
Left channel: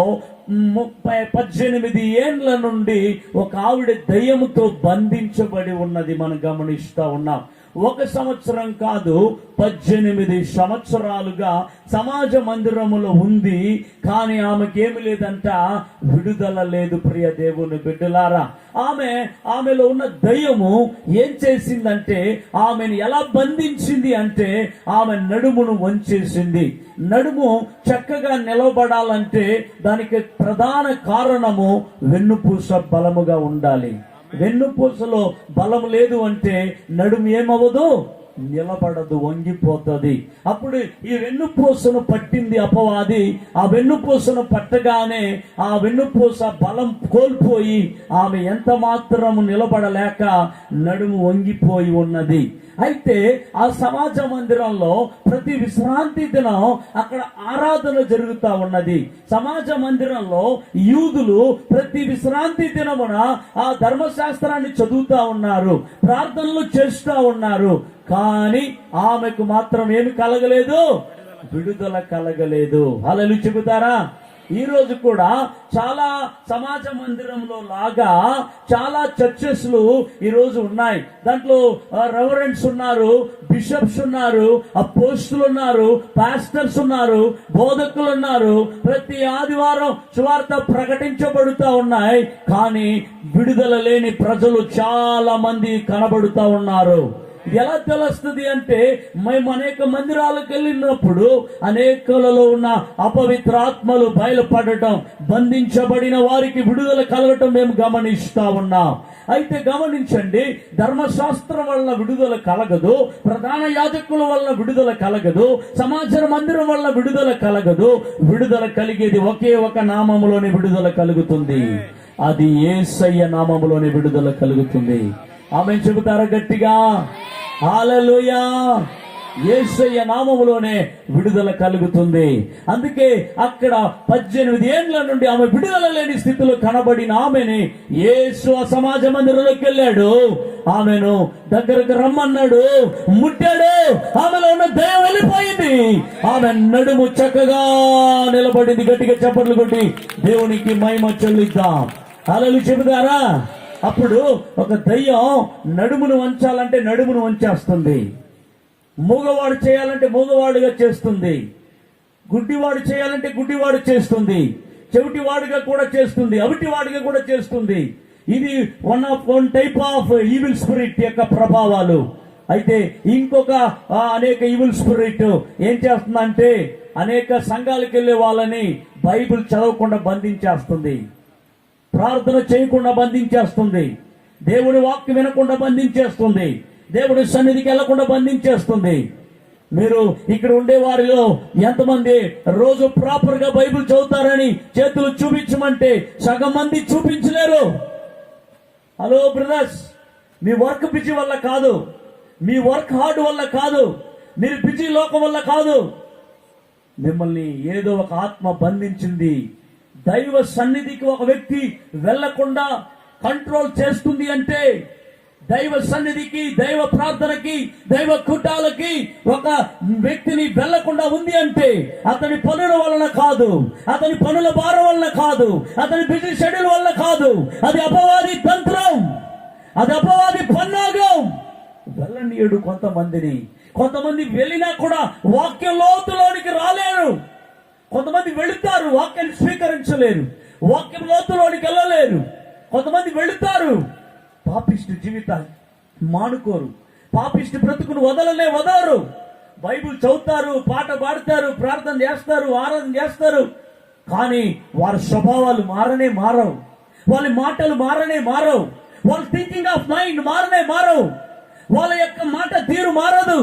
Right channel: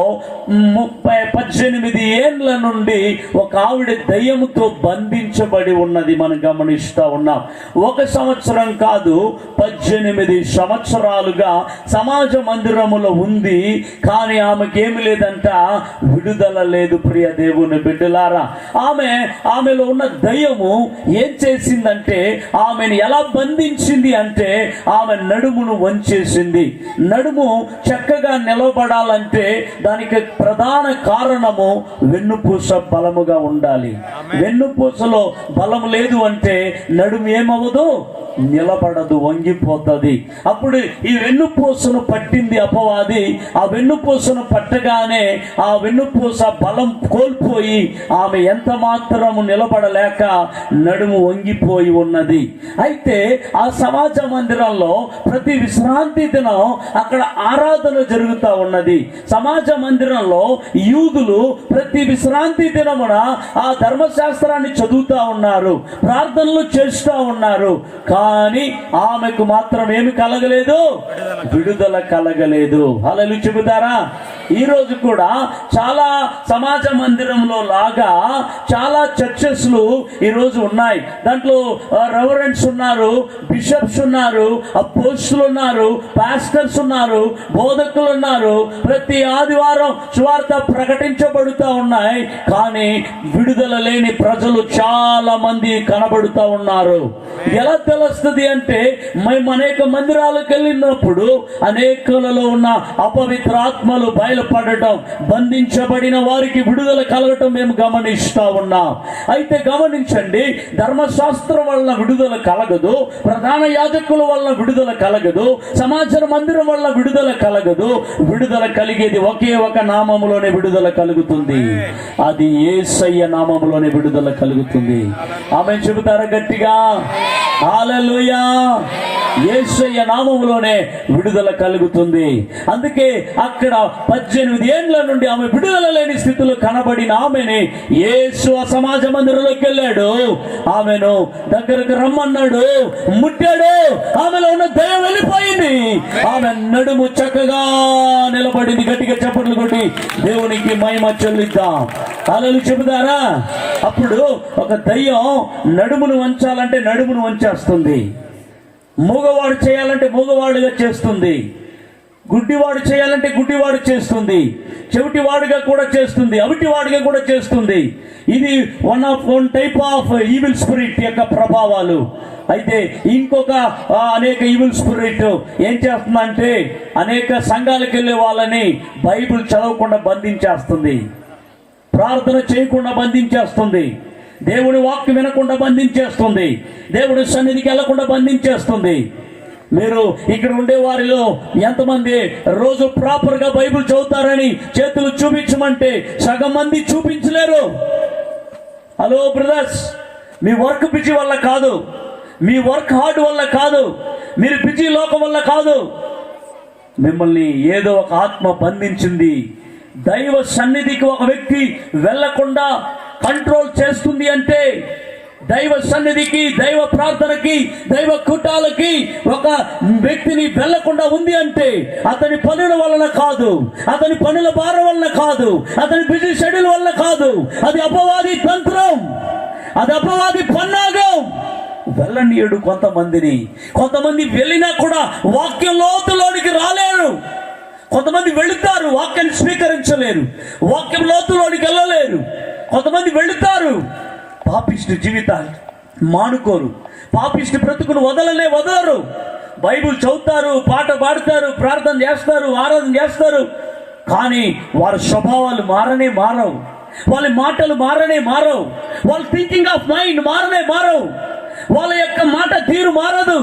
18 ఏండ్ల నుండి ఒక ఆవిడ దయ్యముతో బంధించబడి ఉన్నది మనం గమనిస్తూ ఉన్నాం. 1 సంవత్సరం కాదు, 18 సంవత్సరాలుగా సమాజ మందిరములో ఉంది. కానీ ఆమెకేమి లేదంట, విడుదల లేదు. ప్రియ దేవుని బిడ్డలారా, ఆమెలో ఉన్న దయ్యము ఏం చేసిందంటే ఆమెను ఎలా బంధించింది అంటే ఆమె నడుమును వంచేసింది. నడుము చక్కగా నిలబడాలంటే దానికి ప్రధాన కారణము వెన్నుపూస బలముగా ఉండాలి. వెన్నుపూసలో బలం లేదు అంటే నడుము ఏమవ్వదు, నిలబడదు, వంగిపోతుంది. అప్పుడు ఈ వెన్నుపూసను పట్టింది అపవాది. ఆ వెన్నుపూసను పట్టగానే ఆ వెన్నుపూస బలం కోల్పోయి ఆమె ఎంత మాత్రము నిలబడలేక నడుము వంగిపోయి ఉన్నది. అయితే ఆ సమాజ మందిరంలో ప్రతి విశ్రాంతి దినం అక్కడ ఆరాధన జరుగుతూ ఉన్నది. సమాజ మందిరంలో యూదులు ప్రతి విశ్రాంతి దినమున ఆ ధర్మశాస్త్రాన్ని చదువుతూ ఉన్నారు, ప్రార్థనలు చేస్తూ ఉన్నారు. కానీ ఆమెకు మాత్రం ఏమి కలగలేదు, విడుదల కలగలేదు. హల్లెలూయా చెబుతారా? ఈ రోజు కూడా చాలా సమాజ మందిరంలో లాగా చాలా చర్చెస్లు ఈరోజు ఉన్నాయి. దాంట్లో రెవరెండ్స్ ఉన్నారు, బిషప్స్ ఉన్నారు, అపోస్తులు ఉన్నారు, పాస్టర్స్ ఉన్నారు, బోధకులు ఉన్నారు. ప్రతి ఆదివారం సువార్త ప్రకటించబడుతూ ఉన్నాయి. కానీ విడుదల లేని ప్రజలు చాలా మంది కనబడుతూ ఉన్నారు. ఎలా తెలుస్తుంది అంటే మేము అనేక మందిరాలకు వెళ్ళినప్పుడు అనేకలలో ఉన్న అపవిత్రాత్మలు బయలుపడటం, బంధించబడిన వారికి విడుదల కలగటం మేము గమనిస్తూ ఉన్నాం. అయితే గమనించండి, ధర్మశాస్త్రం వల్ల విడుదల కలగదు, ప్రధాన యాజకుల వల్ల విడుదల కలగదు, సమాజ మందిరం వల్ల విడుదల కలగదు. విడుదల కలిగేది ఒకే ఒక నామములోనే విడుదల కలుగుతుంది. అది యేసయ్య నామములోనే విడుదల కలుగుతుంది. ఆమె చెబుతారా గట్టిగా? హల్లెలూయా! యేసయ్య నామములోనే విడుదల కలుగుతుంది. అందుకే అక్కడ 18 ఏండ్ల నుండి ఆమె విడుదల లేని స్థితిలో కనబడిన ఆమెని యేసు ఆ సమాజ మందిరంలోకి వెళ్ళాడు. ఆమెను దగ్గరకు రమ్మన్నాడు, ముట్టాడు. ఆమెలో ఉన్న దయ్యం వెళ్ళిపోయింది. ఆమె నడుము చక్కగా నిలబడింది. గట్టిగా చప్పట్లు కొట్టి దేవునికి మహిమ చెల్లిద్దాం. హల్లెలూయా చెబుతారా? అప్పుడు ఒక దయ్యం నడుమును వంచాలంటే నడుమును వంచేస్తుంది, మూగవాడు చేయాలంటే మూగవాడుగా చేస్తుంది, గుడ్డివాడు చేయాలంటే గుడ్డివాడు చేస్తుంది, చెవిటివాడుగా కూడా చేస్తుంది, అవిటివాడుగా కూడా చేస్తుంది. ఇది one type of evil spirit యొక్క ప్రభావాలు. అయితే ఇంకొక అనేక ఈవిల్ స్పిరిట్ ఏం చేస్తుందంటే అనేక సంఘాలకు వెళ్ళే వాళ్ళని బైబిల్ చదవకుండా బంధించేస్తుంది, ప్రార్థన చేయకుండా బంధించేస్తుంది, దేవుని వాక్యం వినకుండా బంధించేస్తుంది, దేవుడి సన్నిధికి వెళ్లకుండా బంధించేస్తుంది. మీరు ఇక్కడ ఉండే వారిలో ఎంతమంది రోజు ప్రాపర్ గా బైబిల్ చదువుతారని చేతులు చూపించమంటే సగం మంది చూపించలేరు. హలో బ్రదర్స్, మీ వర్క్ బిజీ వల్ల కాదు, మీ వర్క్ హార్డ్ వల్ల కాదు, మీరు బిజీ లోకం వల్ల కాదు. మిమ్మల్ని ఏదో ఒక ఆత్మ బంధించింది. దైవ సన్నిధికి ఒక వ్యక్తి వెళ్లకుండా కంట్రోల్ చేస్తుంది అంటే, దైవ సన్నిధికి, దైవ ప్రార్థనకి, దైవ కూటాలకి ఒక వ్యక్తిని వెళ్లకుండా ఉంది అంటే అతని పనుల వలన కాదు, అతని పనుల భారం వలన కాదు, అతని బిజీ షెడ్యూల్ వలన కాదు. అది అపవాది తంత్రం, అది అపవాది పన్నాగం. వెళ్ళనీయుడు కొంతమంది వెళ్ళినా కూడా వాక్యం లోతులోనికి రాలేరు. కొంతమంది వెళుతారు, వాక్యాన్ని స్వీకరించలేరు, వాక్యం లోతులోనికి వెళ్ళలేరు. కొంతమంది వెళుతారు, పాపిష్టి జీవితాలు మానుకోరు, పాపిష్టి బ్రతుకును వదలరు. బైబిల్ చదువుతారు, పాట పాడతారు, ప్రార్థన చేస్తారు, ఆరాధన చేస్తారు, కానీ వారి స్వభావాలు మారవు, వాళ్ళ మాటలు మారవు, వాళ్ళ థింకింగ్ ఆఫ్ మైండ్ మారవు, వాళ్ళ యొక్క మాట తీరు మారదు.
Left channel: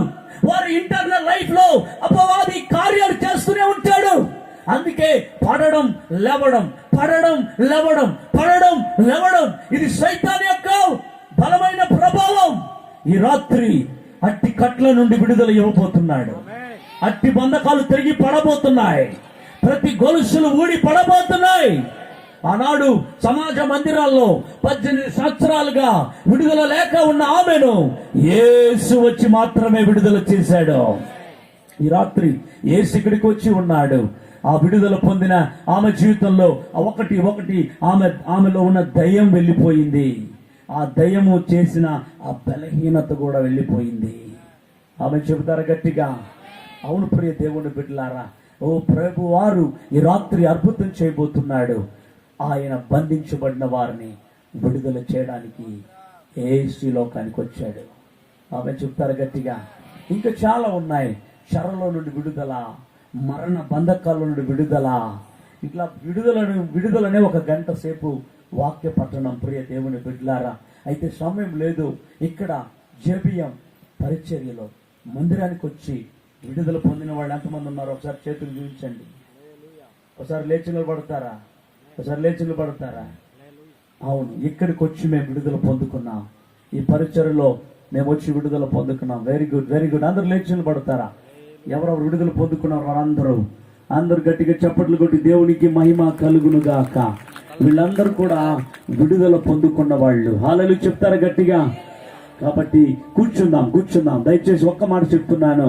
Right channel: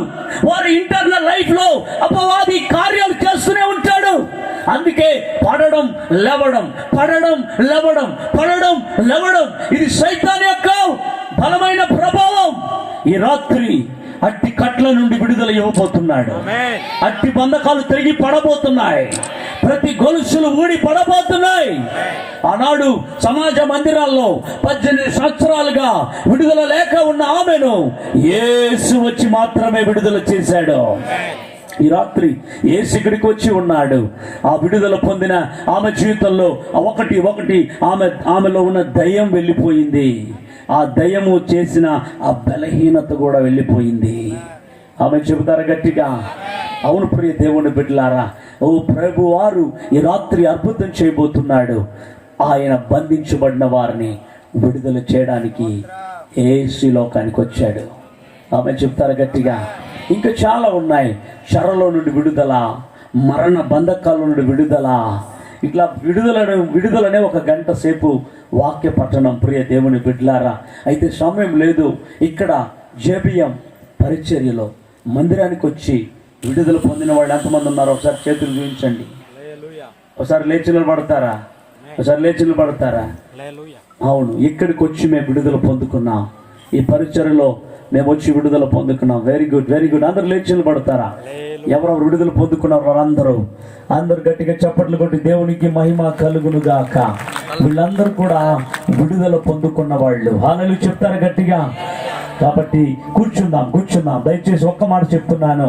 వారి ఇంటర్నల్ లైఫ్ లో అపవాది కార్యాలు చేస్తూనే ఉంటాడు. అందుకే పడడం లేవడం ఇది సైతాన్ యొక్క బలమైన ప్రభావం. ఈ రాత్రి అట్టి కట్ల నుండి విడుదల ఇవ్వబోతున్నాడు. అట్టి బంధకాలు తిరిగి పడబోతున్నాయి. ప్రతి గొలుసులు ఊడి పడబోతున్నాయి. ఆనాడు సమాజ మందిరాల్లో 18 సంవత్సరాలుగా విడుదల లేక ఉన్న ఆమెను యేసు వచ్చి మాత్రమే విడుదల చేశాడు. ఈ రాత్రి యేసు ఇక్కడికి వచ్చి ఉన్నాడు. ఆ విడుదల పొందిన ఆమె జీవితంలో ఒకటి ఆమెలో ఉన్న దయ్యం వెళ్ళిపోయింది. ఆ దయ్యము చేసిన ఆ బలహీనత కూడా వెళ్ళిపోయింది. ఆమె చెబుతారు గట్టిగా, అవును ప్రియ దేవుని బిడ్డలారా, ఓ ప్రభు వారు ఈ రాత్రి అద్భుతం చేయబోతున్నాడు. ఆయన బంధించబడిన వారిని విడుదల చేయడానికి యేసు లోకానికి వచ్చాడు. ఆమె చెప్తారు గట్టిగా. ఇంకా చాలా ఉన్నాయి. చెరలో నుండి విడుదల, మరణ బంధకాల నుండి విడుదల, ఇట్లా విడుదలనే 1 గంట సేపు వాక్య పఠనం ప్రియ దేవుని బిడ్డలారా. అయితే సమయం లేదు. ఇక్కడ జేబిఎం పరిచర్యలో మందిరానికి వచ్చి విడుదల పొందిన వాళ్ళు ఎంతమంది ఉన్నారో ఒకసారి చేతులు చూపించండి. ఒకసారి లేచి నిలబడతారా? అవును, ఇక్కడికి వచ్చి మేము విడుదల పొందుకున్నాం. ఈ పరిచర్యలో మేము వచ్చి విడుదల పొందుకున్నాం. Very good. అందరు లేచి నిలబడతారా? ఎవరెవరు విడుదల పొందుకున్నారు అందరూ గట్టిగా చప్పట్లు కొట్టి దేవునికి మహిమ కలుగును గాక. వీళ్ళందరూ కూడా విడుదల పొందుకున్న వాళ్ళు. హల్లెలూయా చెప్తారు గట్టిగా. కాబట్టి కూర్చుందాం. దయచేసి ఒక్క మాట చెప్తున్నాను.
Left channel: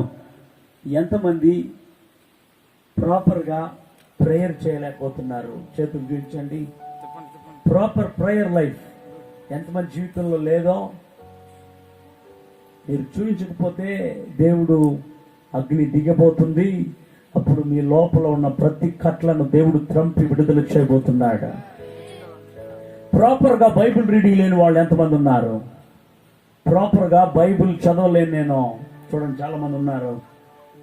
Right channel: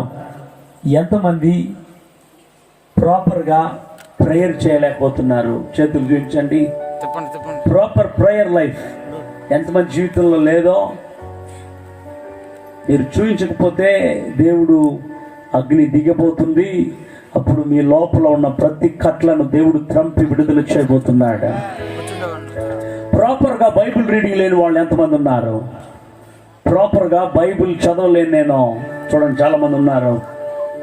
ఎంతమంది ప్రాపర్గా ప్రేయర్ చేయలేకపోతున్నారు? చేతులు చూపించండి. ప్రాపర్ ప్రేయర్ లైఫ్ ఎంతమంది జీవితంలో లేదో మీరు చూపించకపోతే దేవుడు అగ్ని దిగబోతుంది. అప్పుడు మీ లోపల ఉన్న ప్రతి కట్లను దేవుడు త్రంపి విడుదల చేయబోతున్నాడు. ప్రాపర్గా బైబిల్ రీడింగ్ లేని వాళ్ళు ఎంతమంది ఉన్నారు? ప్రాపర్గా బైబిల్ చదవలేని నేను చూడండి, చాలా మంది ఉన్నారు.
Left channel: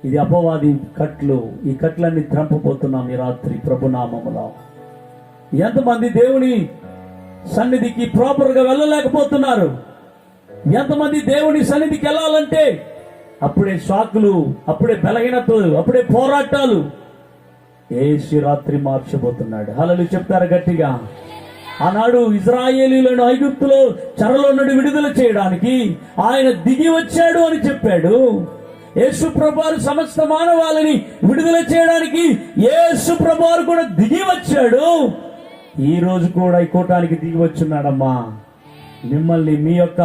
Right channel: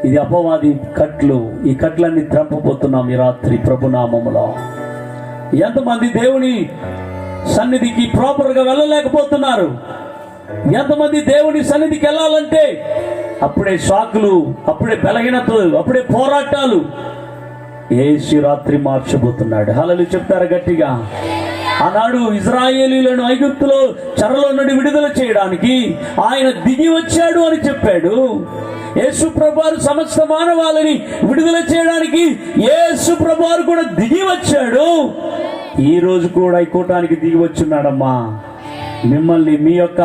ఇది అపవాది కట్లు. ఈ కట్లన్నీ త్రంపబోతున్నాం ఈ రాత్రి ప్రభునామములో. ఎంతమంది దేవుని సన్నిధికి ప్రాపర్గా వెళ్ళలేకపోతున్నారు? ఎంతమంది దేవుని సన్నిధికి వెళ్ళాలంటే అప్పుడే షాకులు, అప్పుడే బలహీనతలు, అప్పుడే పోరాటాలు. యేసు రాత్రి మార్చబోతున్నాడు. హల్లెలూయా చెప్తారు గట్టిగా. ఆనాడు ఇశ్రాయేలీయులను ఐగుప్తులో చెరలో నుండి విడుదల చేయడానికి ఆయన దిగి వచ్చాడు అని చెప్పాడు. యేసు ప్రభువారు సమస్త మానవాళిని విడుదల చేయడానికి యేసు ప్రభువారు కూడా దిగి వచ్చాడు. ఈ రోజు కూడా ఈ కూటానికి దిగి వచ్చున్నాడమ్మా. మిమ్మల్ని మీ యొక్క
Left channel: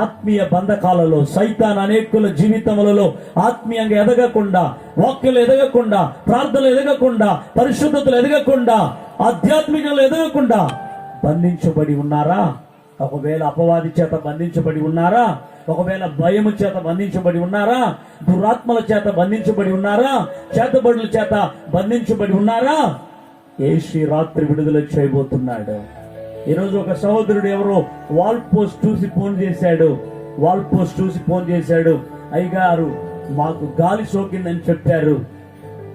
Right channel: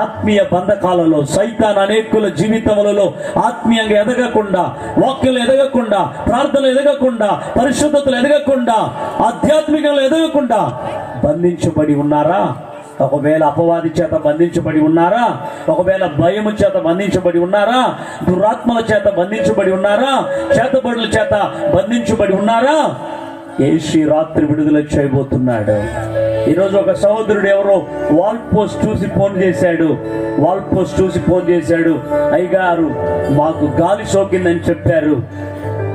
ఆత్మీయ బంధకాలలో సైతాన్ అనేకుల జీవితములలో ఆత్మీయంగా ఎదగకుండా, వాక్యలు ఎదగకుండా, ప్రార్థనలు ఎదగకుండా, పరిశుద్ధతలు ఎదగకుండా, ఆధ్యాత్మికంగా ఎదగకుండా బంధించబడి ఉన్నారా? ఒకవేళ అపవాది చేత బంధించబడి ఉన్నారా? ఒకవేళ భయము చేత బంధించబడి ఉన్నారా? దురాత్మల చేత బంధించబడి ఉన్నారా? చేతబడుల చేత బంధించబడి ఉన్నారా? యేసు రాత్రి విడుదల చేయబోతున్నాడు. ఈరోజు ఒక సహోదరుడు ఎవరో వాల్ పోస్ట్ చూసి ఫోన్ చేశాడు. అయ్యగారు మాకు గాలి సోకిందని చెప్పారు.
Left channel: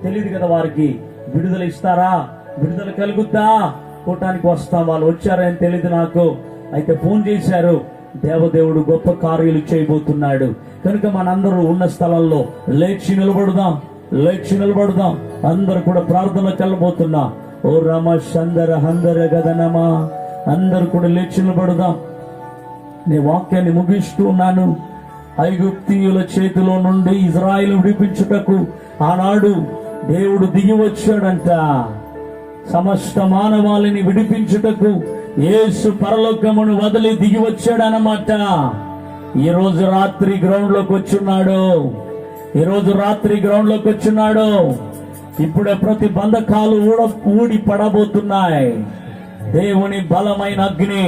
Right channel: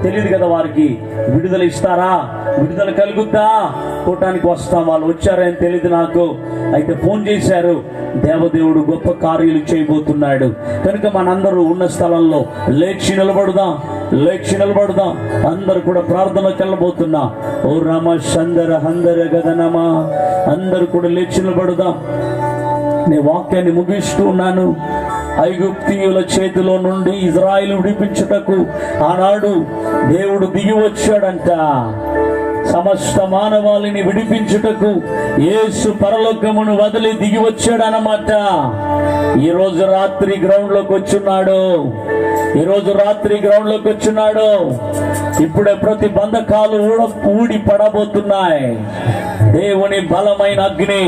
తెలియదు కదా వారికి. విడుదల ఇస్తారా? విడుదల కలుగుద్దా? కూటానికి వస్తాం. వాళ్ళు వచ్చారని తెలియదు నాకు. అయితే ఫోన్ చేశారు. దేవదేవుడు గొప్ప కార్యాలు చేయబోతున్నాడు. కనుక మనందరూ ఉన్న స్థలంలో లేచి నిలబడదాం. అందరు కూడా ప్రార్థనకు వెళ్ళబోతున్నా. ఓ రామ సందర హందర గదనమా. అందరు కూడా లేచి నిలబడదాం. నేను వాక్యాన్ని ముగిస్తూ ఉన్నాను. ఐగుప్తీయుల చేతిలో నుండి ఇజ్రాయిల్ విడిపించుటకు ఆనాడు దేవుడు దిగి వచ్చాడంట. సమస్త మానవాళిని విడిపించుటకు యేసు పరలోకమును వదిలి దిగి వచ్చాడనమాట. ఈరోజు రాత్రి గ్రౌండ్ లోకి వచ్చున్నాడు. ఇప్పుడే ప్రతి బంధకాలు ఊడి పడబోతున్నాయి. దేవుని బలమైన అగ్ని,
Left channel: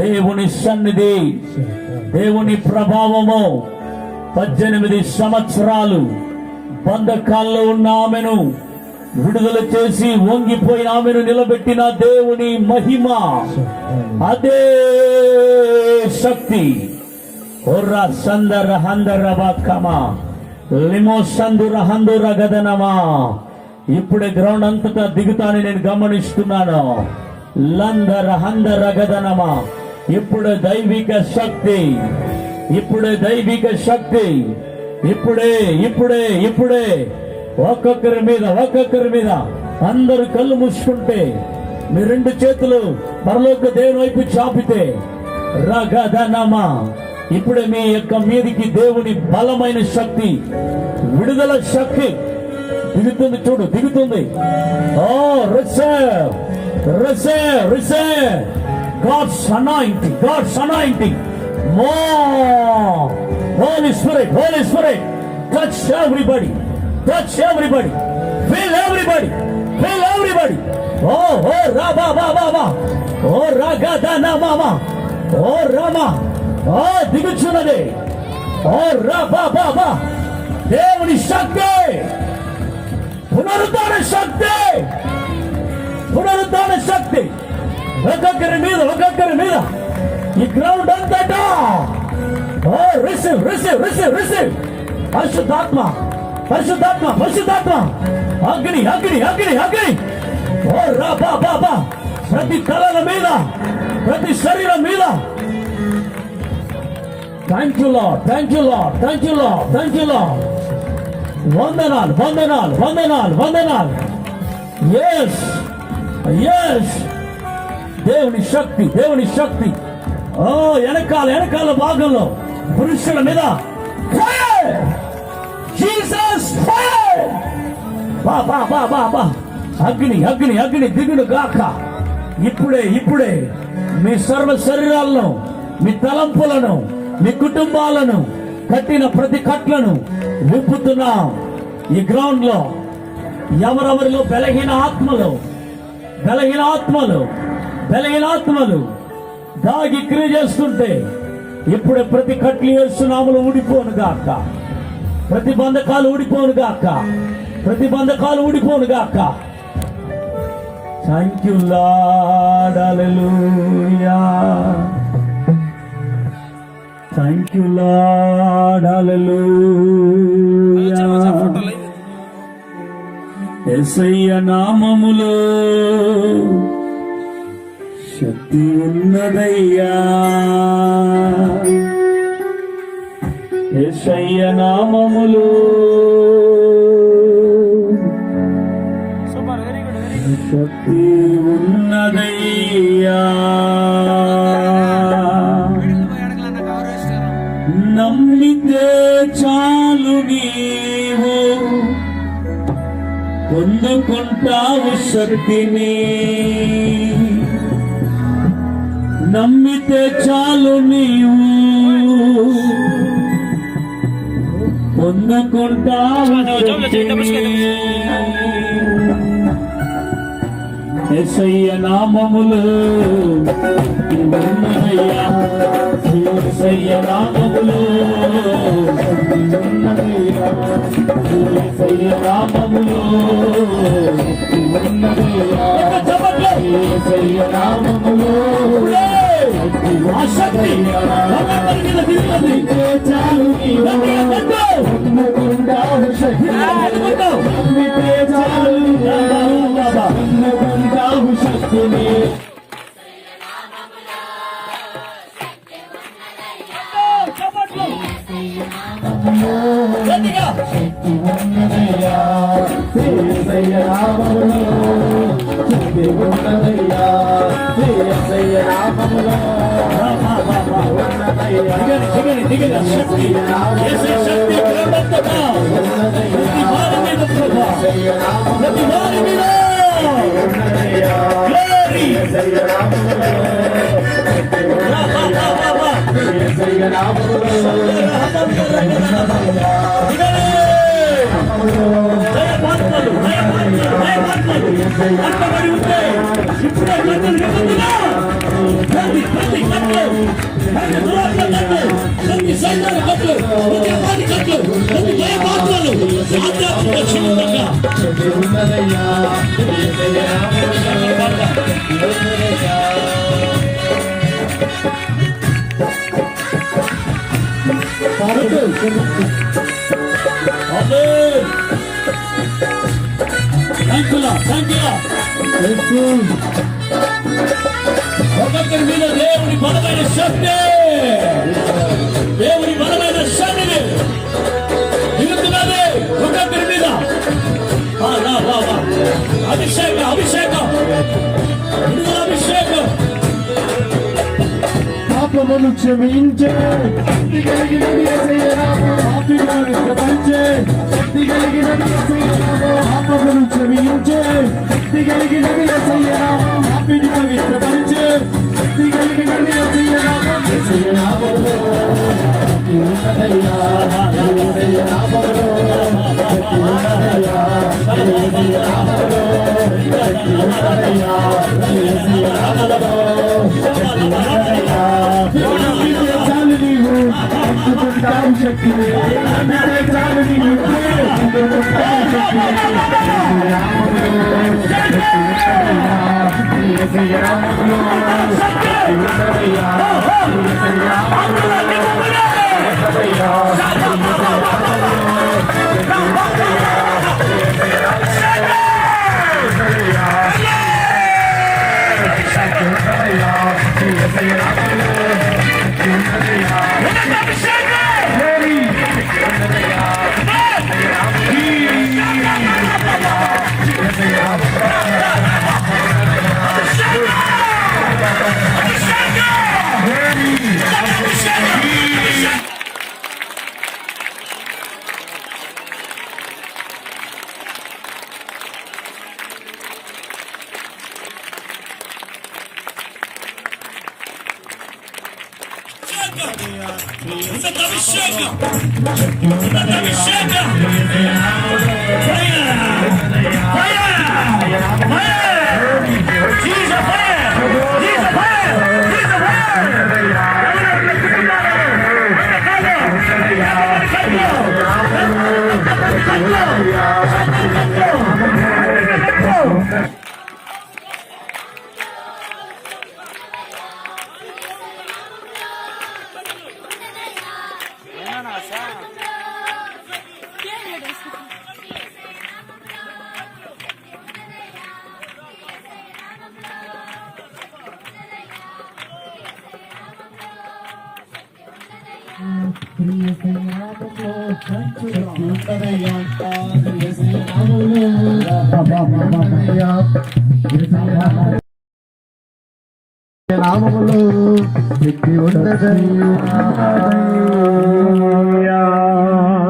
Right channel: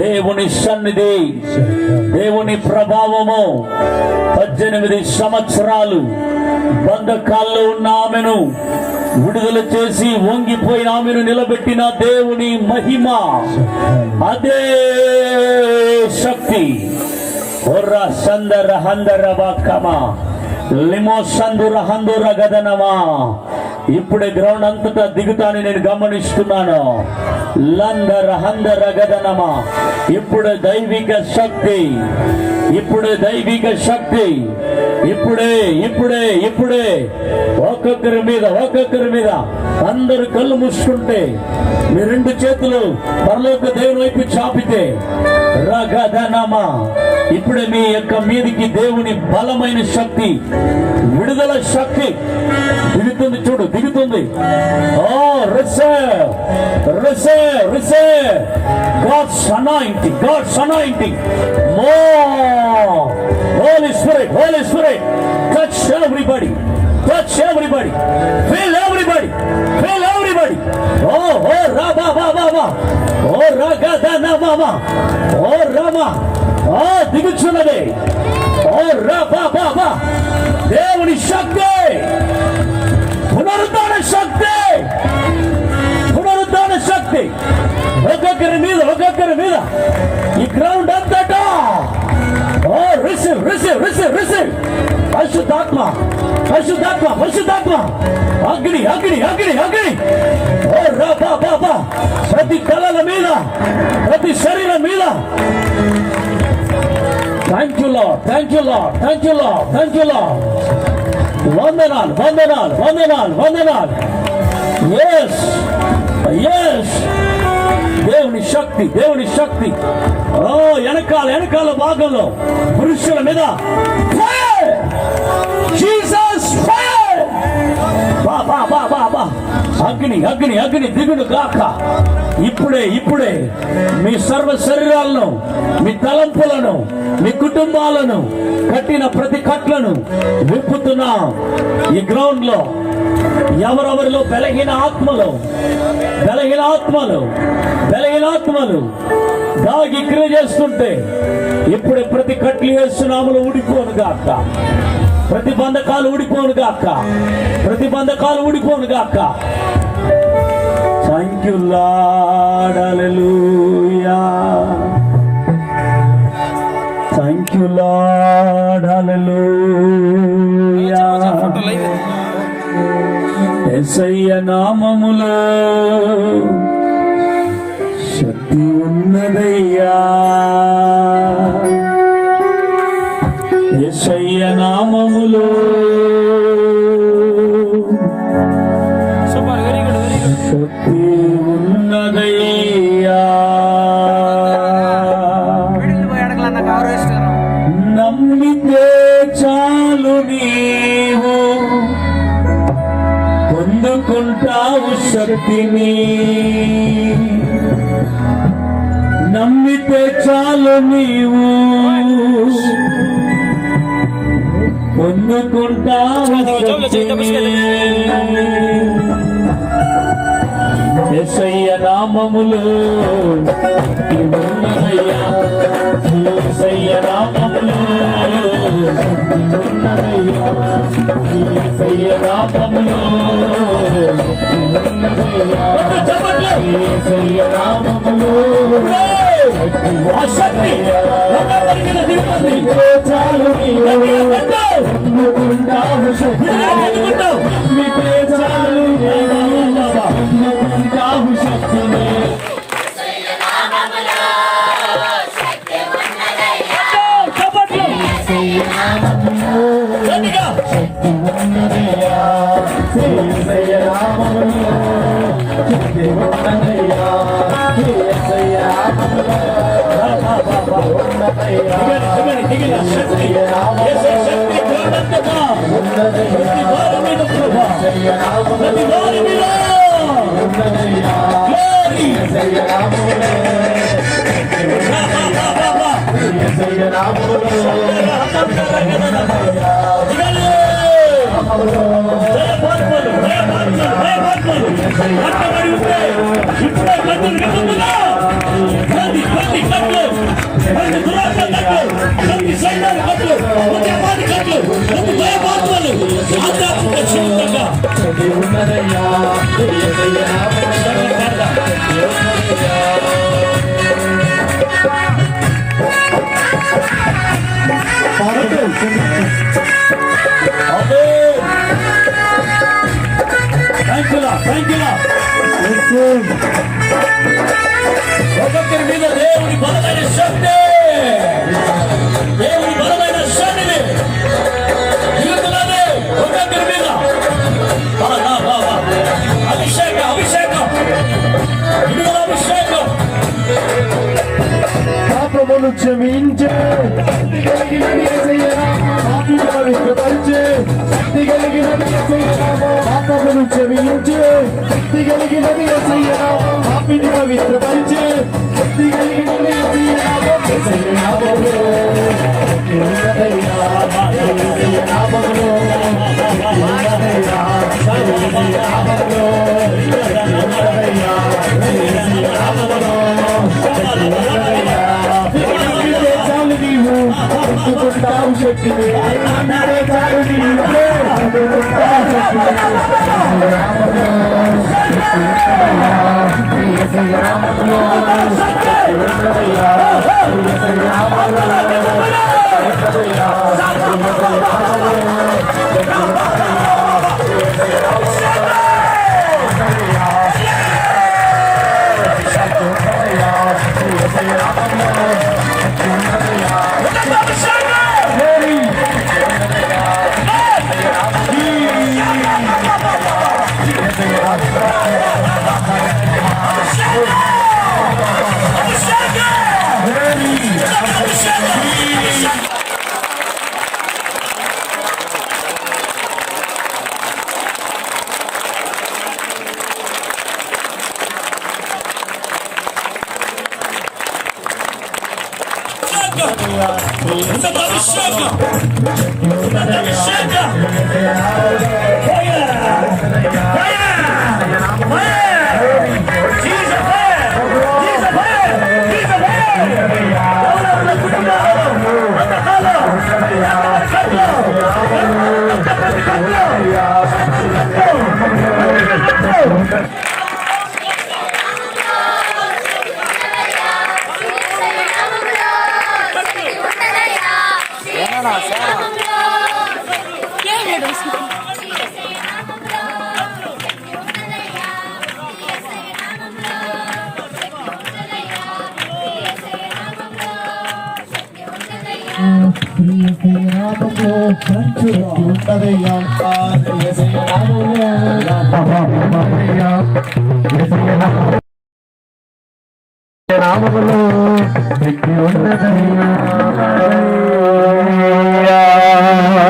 దేవుని సన్నిధి, దేవుని ప్రభావము 18 సంవత్సరాలు బంధకాల్లో ఉన్న ఆమెను విడుదల చేసి వంగిపోయిన ఆమెను నిలబెట్టిన దేవుని మహిమ, అదే శక్తి. ఒర్ర సందర హందర బాకమా లిమో సందుర హందుర గదనమా. ఇప్పుడే గ్రౌండ్ అంతటా దిగుతాని నేను గమనిస్తున్నాను. లందర హందర గదనమా. ఇప్పుడు దైవిక శక్తి, ఇప్పుడే దైవిక శక్తి. ఇప్పుడే ఇప్పుడే ఇప్పుడే ఒక్కొక్కరి మీద అందరు కళ్ళు మూసుకుంటే మీ రెండు చేతులు పరలోక దేవుని వైపు చాపితే రగదనమా. ఇప్పుడే మీ యొక్క మీదికి దేవుని బలమైన శక్తి, విడుదల శక్తి దిగుతుంది. చూడు, దిగుతుంది. God's anointing, God's anointing. More Holy Spirit, Holy Spirit, touch everybody, touch everybody, fill everybody, fill everybody. Oh Raba Baba, oh Ragadana Mama, oh Rama, oh దిగుచున్నది. Oh Raba Baba, దేవుని శక్తి, పునరుద్ధరణ శక్తి, పునరుద్ధరణ శక్తి ఒక్కొక్కరి మీద ఈ గ్రౌండ్ అంతటా. ఓ రిసీవ్ రిసీవ్ రిసీవ్ రిసీవ్. పరిశుద్ధాత్మ పరిశుద్ధాత్మ పరిశుద్ధాత్మ, అగ్ని అగ్ని అగ్ని అగ్ని. ఓ రాబా బాబా, ప్రతి తలల మీద, ప్రతి శరీరం మీద. Thank you Lord, thank you Lord, thank you Lord, thank you lord. వందనాలు వందనాలు వందనాలు వందనాలు. ఎస్ ఎస్, దేవుని శక్తి, దేవుని శక్తి. వెనకాల భాగంలో పురుషుల మీద అగ్ని అగ్ని అగ్ని దిగుడు గాక. ఇప్పుడే ఇప్పుడే మీ సర్వ శరీరాలను, మీ తలంపులను, మీ కుటుంబాలను కట్టిన ప్రతి కట్లను విప్పుతున్నాం. ఈ గ్రౌండ్ లో ఎవరెవరిలో బలహీన ఆత్మలు దాగి క్రియ చేస్తుంటే ఇప్పుడు ప్రతి కట్లు వేస్తున్నాములు ఊడిపోను గాక, ప్రతి బంధకాలు ఊడిపోను గాక, ప్రతి బంధకాలు ఊడిపోను గాక. Thank you Lord, hallelujah. Thank you Lord, hallelujah. యేసయ్య నామములో శక్తి ఉన్నదయ్యా, యేసయ్య నామములో శక్తి ఉన్నదయ్యా. నమ్మితే చాలు నీవు పొందుకుంటావు శక్తిని, నమ్మితే చాలు నీవు పొందుకుంటావు శక్తిని. యేసయ్య నామములో శక్తి ఉన్నదయ్యా, యేసయ్య నామములో శక్తి ఉన్నదయ్యా, యేసయ్య నామములో శక్తి ఉన్నదయ్యా, యేసయ్య నామములో శక్తి ఉన్నదయ్యా. చాలు పొందుకుంటావు శక్తి, చాలు శక్తిని. శక్తి ఉన్నదయ్యా, యేసయ్య నామములో శక్తి ఉన్నదయ్యా, యేసయ్య నామములో ఉన్నదయ్యా, యేసయ్య నామములో ఉన్నదయ్యా, యేసయ్య నామములో యేసయ్య నామములో ఉన్నదయ్యా, యేసయ్య నామములో ఒక్కొక్కరి మీద దేవుని బలమైన శక్తి, దేవుని బలమైన సన్నిధి దిగుతున్నది ఒక్కొక్కరి మీద. అభిషేకం, అభిషేకం, విడుదల అభిషేకం. పాపమును క్షమించే శక్తి కలిగినది పవిత్రపరిచే శక్తి కలిగినది పాపమును క్షమించే శక్తి కలిగినది పాపిని పవిత్రపరిచే శక్తి కలిగినది చాలు నీవు అందుకుంటావు శక్తిని చాలు నీవు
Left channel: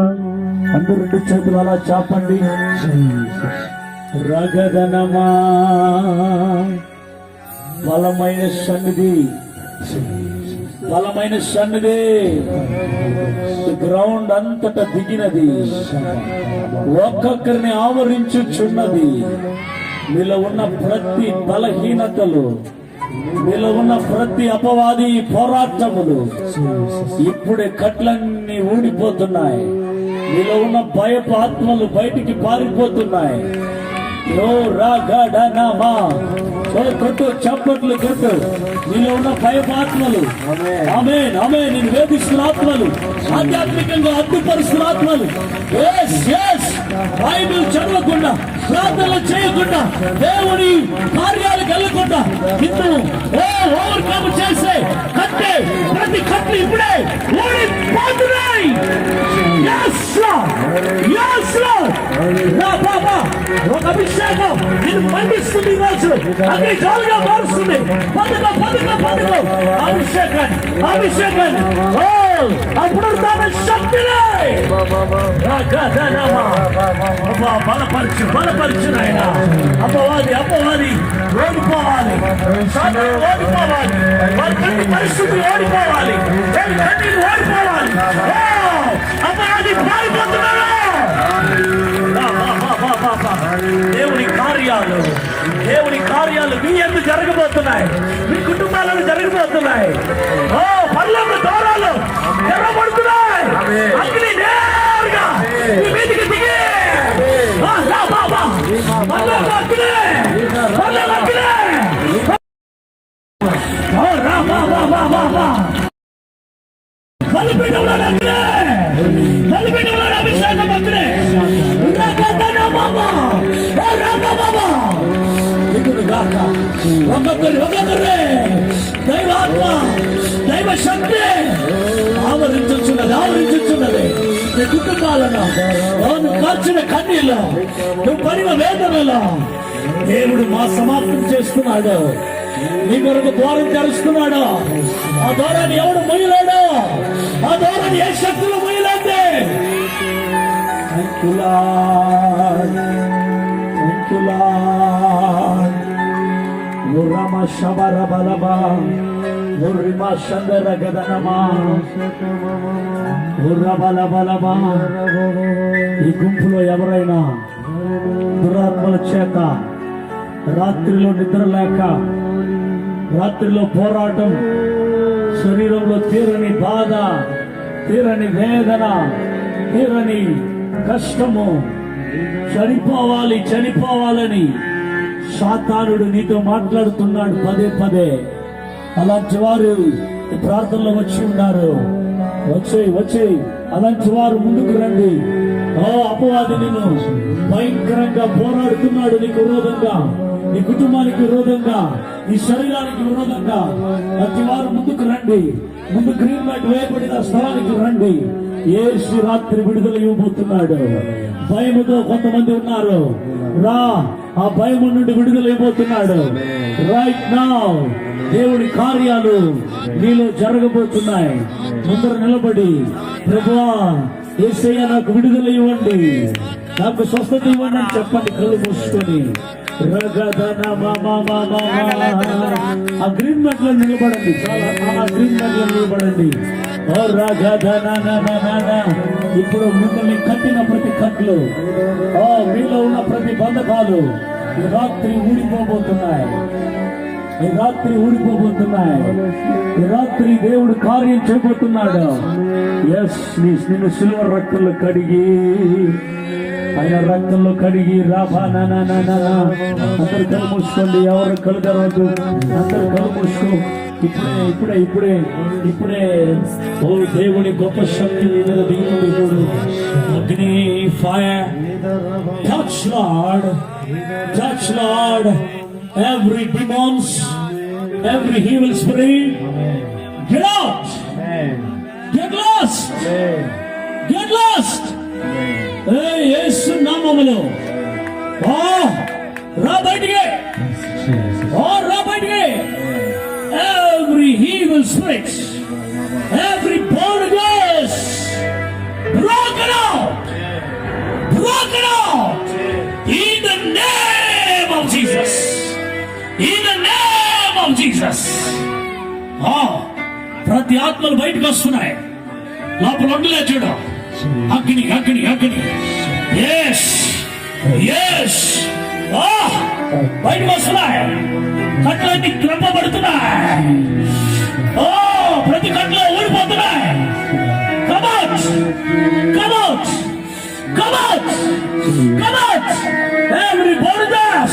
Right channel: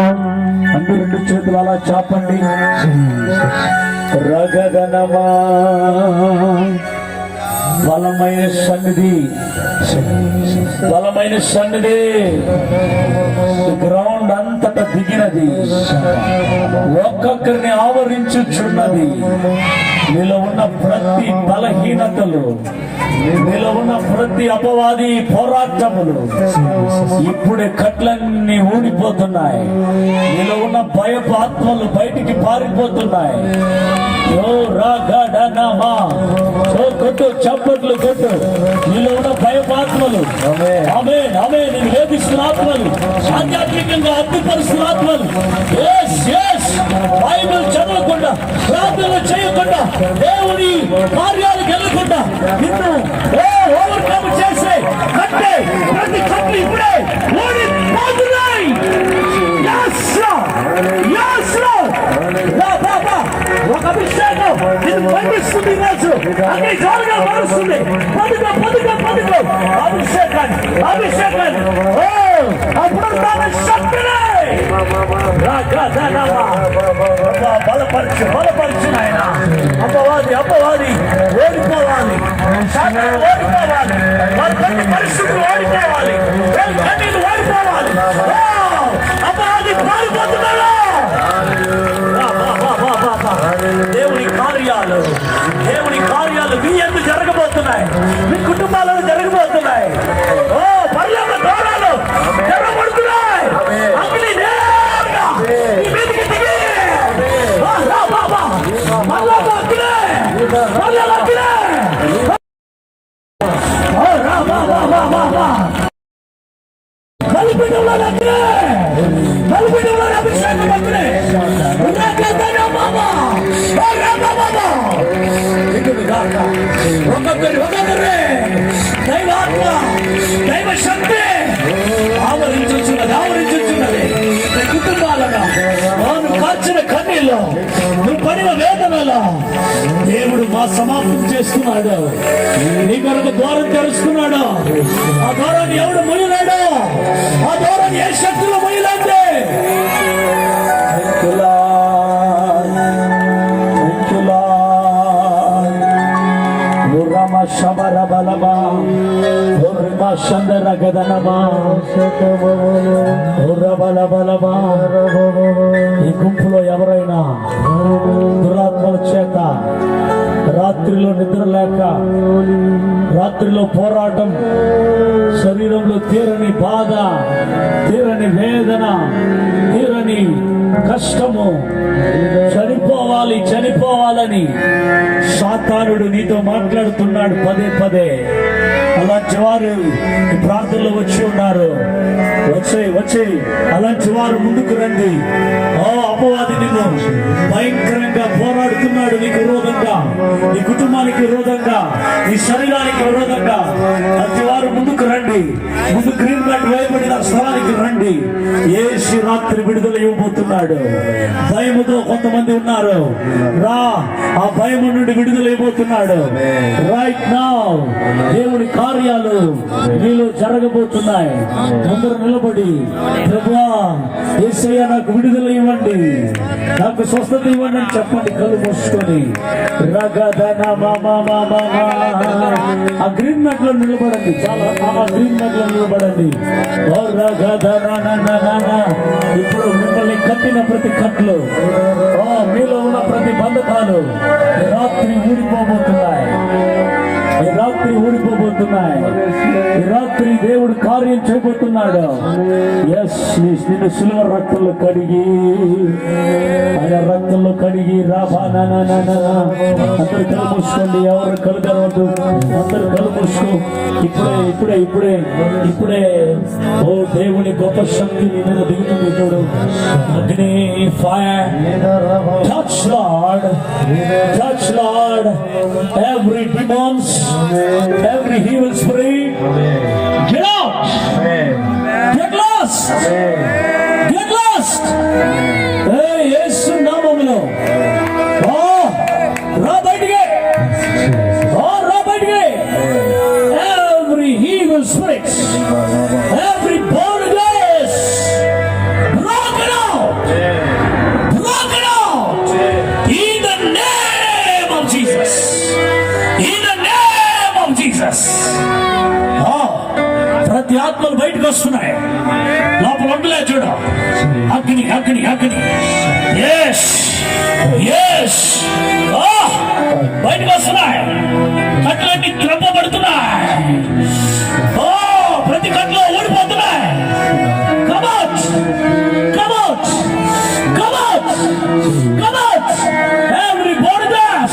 అందరూ రెండు చేతులు అలా చాపండి. రగగనమా బలమైన సన్నిధి, బలమైన సన్నిధి గ్రౌండ్ అంతటా దిగినది, ఒక్కొక్కరిని ఆవరించుచున్నది. మీలో ఉన్న ప్రతి బలహీనతలు, మీలో ఉన్న ప్రతి అపవాది పోరాటములు ఇప్పుడే కట్లన్నీ ఊడిపోతున్నాయి. మీలో ఉన్న భయపు ఆత్మలు బయటికి పారిపోతున్నాయి. కొట్టు, చప్పట్లు కొట్టు. నీలో ఉన్న భయపాత్మలు, ఆమేన్ ఆమేన్, నేను వేధిస్తున్న ఆత్మలు, ఆధ్యాత్మికంగా అడ్డుపరుస్తున్న ఆత్మలు, బైబిల్ చదవకుండా, ప్రార్థనలు చేయకుండా, దేవుని కార్యాలకు వెళ్ళకుండా నిన్ను ఓవర్కమ్ చేసే కట్టే ప్రతి కట్లు ఇప్పుడే ఊడిపోతున్నాయి. ఒక అభిషేకం నిన్ను పండిస్తుంది. రోజు అగ్ని జ్వాలగా మారుస్తుంది. పదుగా పదుగా పదుగా అభిషేకాన్ని, అభిషేకాన్ని అప్పుడు శక్తిని బలపరచు, బలపరచు నాయన. అపవాది, అపవాది ఓడిపోవాలి, ఓడిపోవాలి, వారి ప్రతి పరిస్థితులు ఓడిపోవాలి, కన్నీళ్ళు ఓడిపోవాలి. అపవాది పారిపోతున్నారా? దేవుని కార్యాలు, దేవుని కార్యాలు మీ ఎందుకు జరగబోతున్నాయి, మీ కుటుంబాలను జరగబోతున్నాయి. పర్లోక ద్వారాలు జరగబడుతున్నాయి. అగ్ని నేరుగా మీ మీదికి దిగి, పర్లోక అగ్ని, పర్లోక అగ్ని, బలిపీఠంలో అగ్ని, బలిపీఠంలో అభిషేకం అగ్ని. శ్రమలో, నువ్వు పడిన వేదనలో దేవుడు మా సమాప్తం చేస్తున్నాడు. నీ కొరకు ద్వారం తెరుస్తున్నాడు. ఆ ద్వారాన్ని ఎవడు మొయ్యలేడు. ఆ ద్వారాన్ని ఏ శక్తులు మొయ్యలేదు. ఈ గుంపులో ఎవరైనా దురాత్మల చేత రాత్రిలో నిద్ర లేక, రాత్రిలో పోరాటం, శరీరంలో తీరని బాధ, తీరని వేదన, తీరని కష్టము, చనిపోవాలని సాతానుడు నీతో మాట్లాడుతున్నాడు పదే పదే. అలాంటి వారు ఈ ప్రార్థనలో వచ్చి ఉన్నారు. వచ్చి అలాంటి వారు ముందుకు రండి. అపవాది నిన్ను భయంకరంగా పోరాడుతున్నాడు. నీకు విరోధంగా, నీ కుటుంబానికి విరోధంగా, నీ శరీరానికి విరోధంగా. అలాంటి వారు ముందుకు రండి. ముందు గ్రీన్ మ్యాట్ వేయబడిన స్థలానికి రండి. యేసు రాత్రి విడుదల ఇవ్వబోతున్నాడు. భయముతో కొంతమంది ఉన్నారు. రా, ఆ భయము నుండి విడుదల ఇవ్వబోతున్నాడు. రైట్ నౌ దేవుడి కార్యాలు నీలో జరగబోతున్నాయి. ముందర నిలబడి, ప్రభువా యేసయ్యా నాకు విడుదల ఇవ్వండి, నాకు స్వస్థత ఇవ్వండి అని చెప్పండి. కళ్ళు మూసుకొని ఆ గ్రీన్ మ్యాట్ లో నిలబడండి. చాలా ఆ గ్రీన్ మ్యాట్ లో నిలబడండి. ఇప్పుడు మిమ్మల్ని కట్టిన ప్రతి కట్లు, మీలో ఉన్న ప్రతి బంధకాలు ఈ రాత్రి ఊడిపోబోతున్నాయి. ఈ రాత్రి దేవుడు కార్యం చేయబోతున్నాడు. నిన్ను సిల్వర్ రక్తంలో కడిగి, ఆయన రక్తంలో కడిగి అందరు కళ్ళు మూసుకోండి. ఎవరు కళ్ళు తెరవద్దు. అందరు కళ్ళు మూసుకో. ఇప్పుడే ఓ దేవుని గొప్ప శక్తి నీ మీద దిగుతుంది. చూడు, అగ్ని, fire, touch lord, every demons, every evil spirit, get out, get lost. యేసు నామములో రా బయటికి. Every evil spirit, every bondages, broken out in the name of Jesus. ప్రతి ఆత్మలు బయటకు వస్తున్నాయి. లోపల ఉండలే చూడు. అగ్ని. బయటకు వస్తున్నాయి. కట్లన్నీ క్రమపడుతున్నాయి. ప్రతి కట్లో ఊడిపోతున్నాయి. Come out. Every bonus.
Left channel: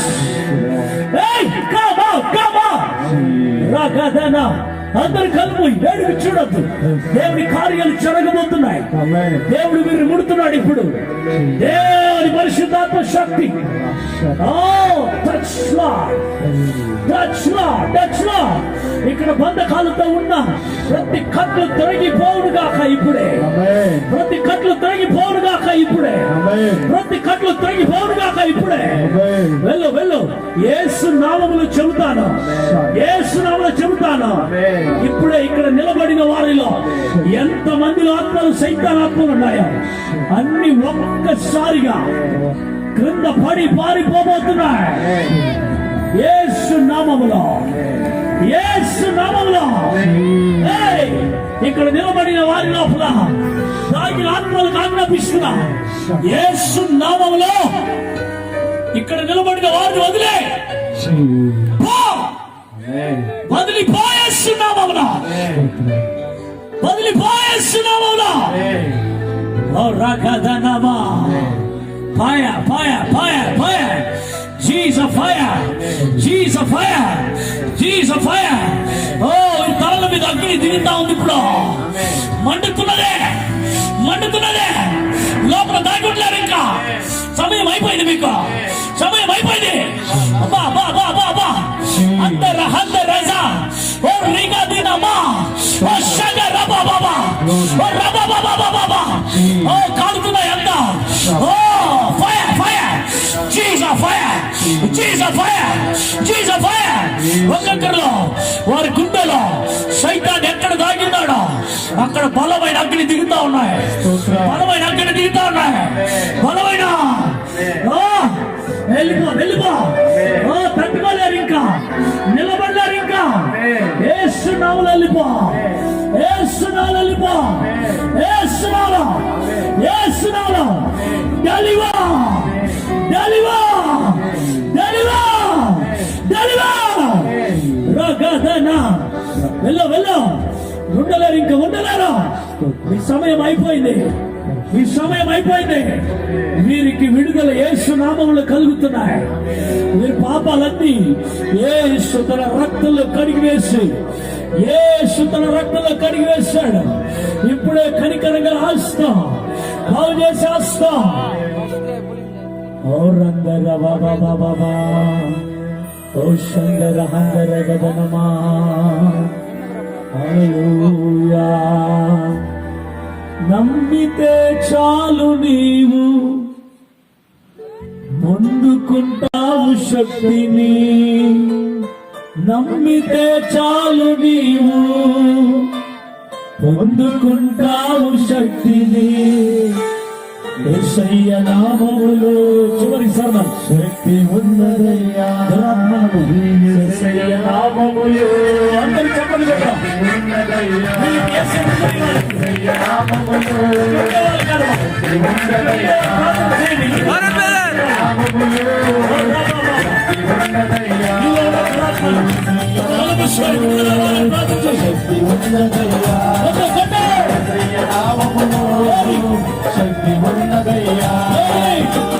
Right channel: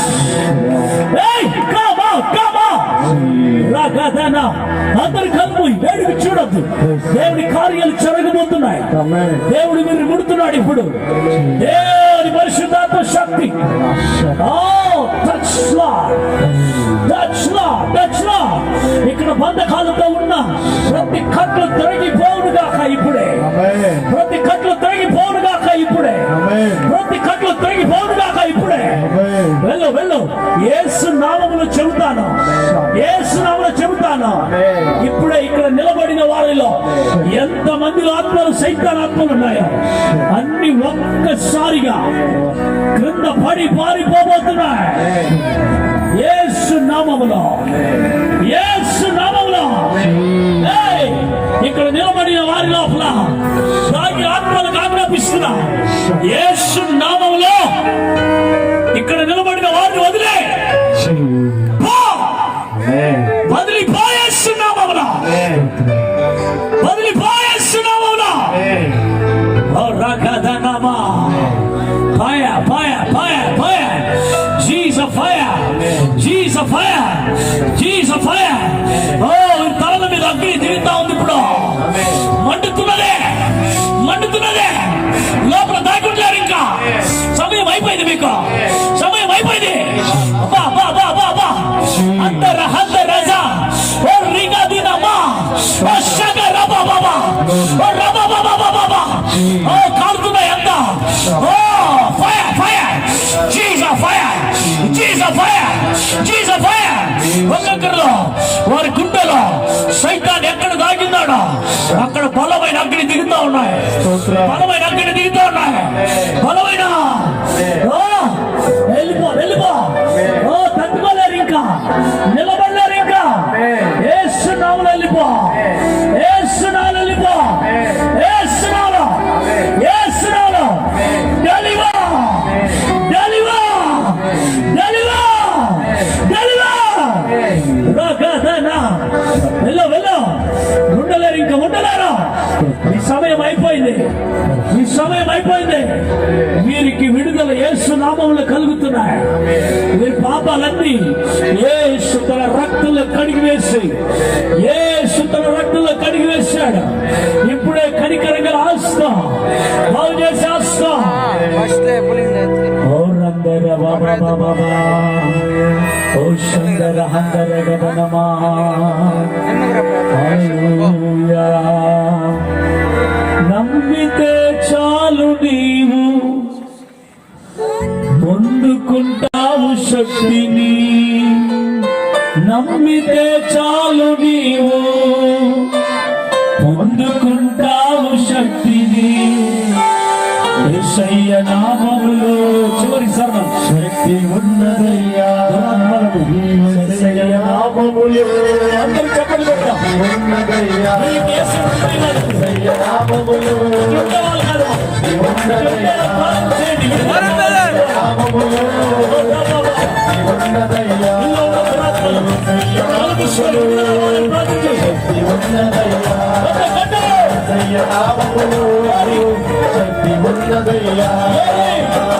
Hey, come out. అందరి కలుపు వేడికి చూడద్దు. దేవుడి కార్యాలు జరగబోతున్నాయి. దేవుడు మీరు ముడుతున్నాడు. ఇప్పుడు దేవుడి పరిశుద్ధాత్మ శక్తి. ఇక్కడ బంధకాలతో ఉన్న ప్రతి కట్లు తొలగిపోవునుగాక ఇప్పుడే. ప్రతి కట్లు తొలగిపోవునుగాక ఇప్పుడే. వెళ్ళు. యేసు నామములో చెబుతాను. ఇప్పుడే ఇక్కడ నిలబడిన వారిలో ఎంత మందిలో ఆత్మలు, సైతాన్ ఆత్మలు ఉన్నాయో అన్ని ఒక్కసారిగా క్రింద పడి పారిపోబోతున్నాయి. యేసు నామములో. ఇక్కడ నిలబడిన వారి లోపల దాని ఆత్మలకు ఆజ్ఞాపిస్తున్నా. యేసు నామములో ఇక్కడ నిలబడిన వారిని వదిలే వదిలిపోయేస్తున్నామవునా. తలల మీద అగ్ని తిరుగుతా ఉంది. ఇప్పుడు మండుతున్నదే. లోపల దాగుంటారు. ఇంకా సమయం అయిపోయింది. మీకు సమయం అయిపోయింది. కాలుతున్నాయి అంతా. ఫైర్ ఒక్కొక్కరిలో వారి గుండెలో సైతాన్ ఎక్కడ దాగిన్నాడో అక్కడ బలమైన అగ్ని దిగుతా ఉన్నాయి. బలమైన అగ్ని దిగుతా ఉన్నాయి. బలమైన వెళ్ళిపో వెళ్ళిపో. తట్టుకోలేరు, ఇంకా నిలబడలేరు. ఇంకా ఏసునామములో వెళ్ళిపో. ఏసునామములో వెళ్ళిపో. ఏసునామములో ఏసునామములో డెలివర్ డెలివర్ డెలివర్ డెలివర్. వెళ్ళు వెళ్ళు. ఉండలేరు, ఇంకా ఉండలేరు. ఈ సమయం అయిపోయింది. ఈ సమయం అయిపోయింది. వీరికి విడుదల యేసు నామములో కలుగుతున్నాయి. వీరి పాపాలన్నీ యేసు తన రక్తంలో కడిగి వేసి యేసు తన రక్తంలో కడిగి వేశాడు. ఇప్పుడే కనికరంగా ఆస్తా బాగు చేసి ఆస్తా. ఓ రందర బాబా బాబా ఓ శందర హందర గదనమా. హల్లెలూయా. నమ్మితే చాలు నీవు పొందుకుంటావు శక్తిని. నమ్మితే చాలు నీవు పొందుకుంటావు శక్తిని. యేసయ్య నామములో చివరి శరణం శక్తి ఉన్నదయ్యా. యేసయ్య నామములో అందరూ చెప్పండి చెప్తాం. ఉన్నదయ్యా యేసయ్య నామములో ఉన్నదయ్యా. శక్తి ఉన్నదయ్యా.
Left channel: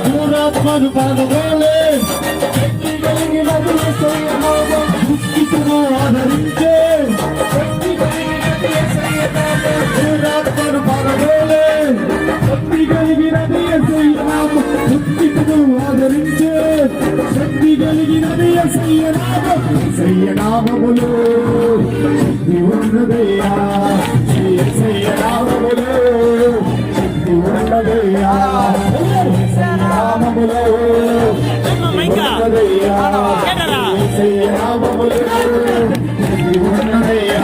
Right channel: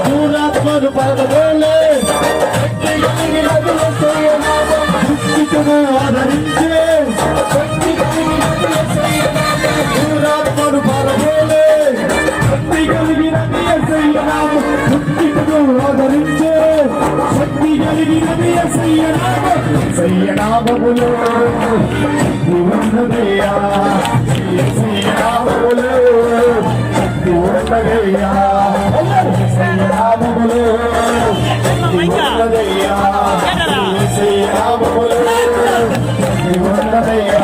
పూరాత్మను పదవేలే శక్తి కలిగినది యేసయ్య నామం. దుష్టులను ఆదరించే శక్తి కలిగినది యేసయ్య నామం. పూరాత్మను పదవేలే శక్తి కలిగినది యేసయ్య నామం. దుష్టులను ఆదరించే శక్తి కలిగినది యేసయ్య నామం. యేసయ్య నామములో శక్తి ఉన్నదయ్యా. యేసయ్య నామములో శక్తి ఉన్నదయ్యా. యేసయ్య నామములో శక్తి ఉన్నదయ్యా. యేసయ్య నామములో శక్తి ఉన్నదయ్యా.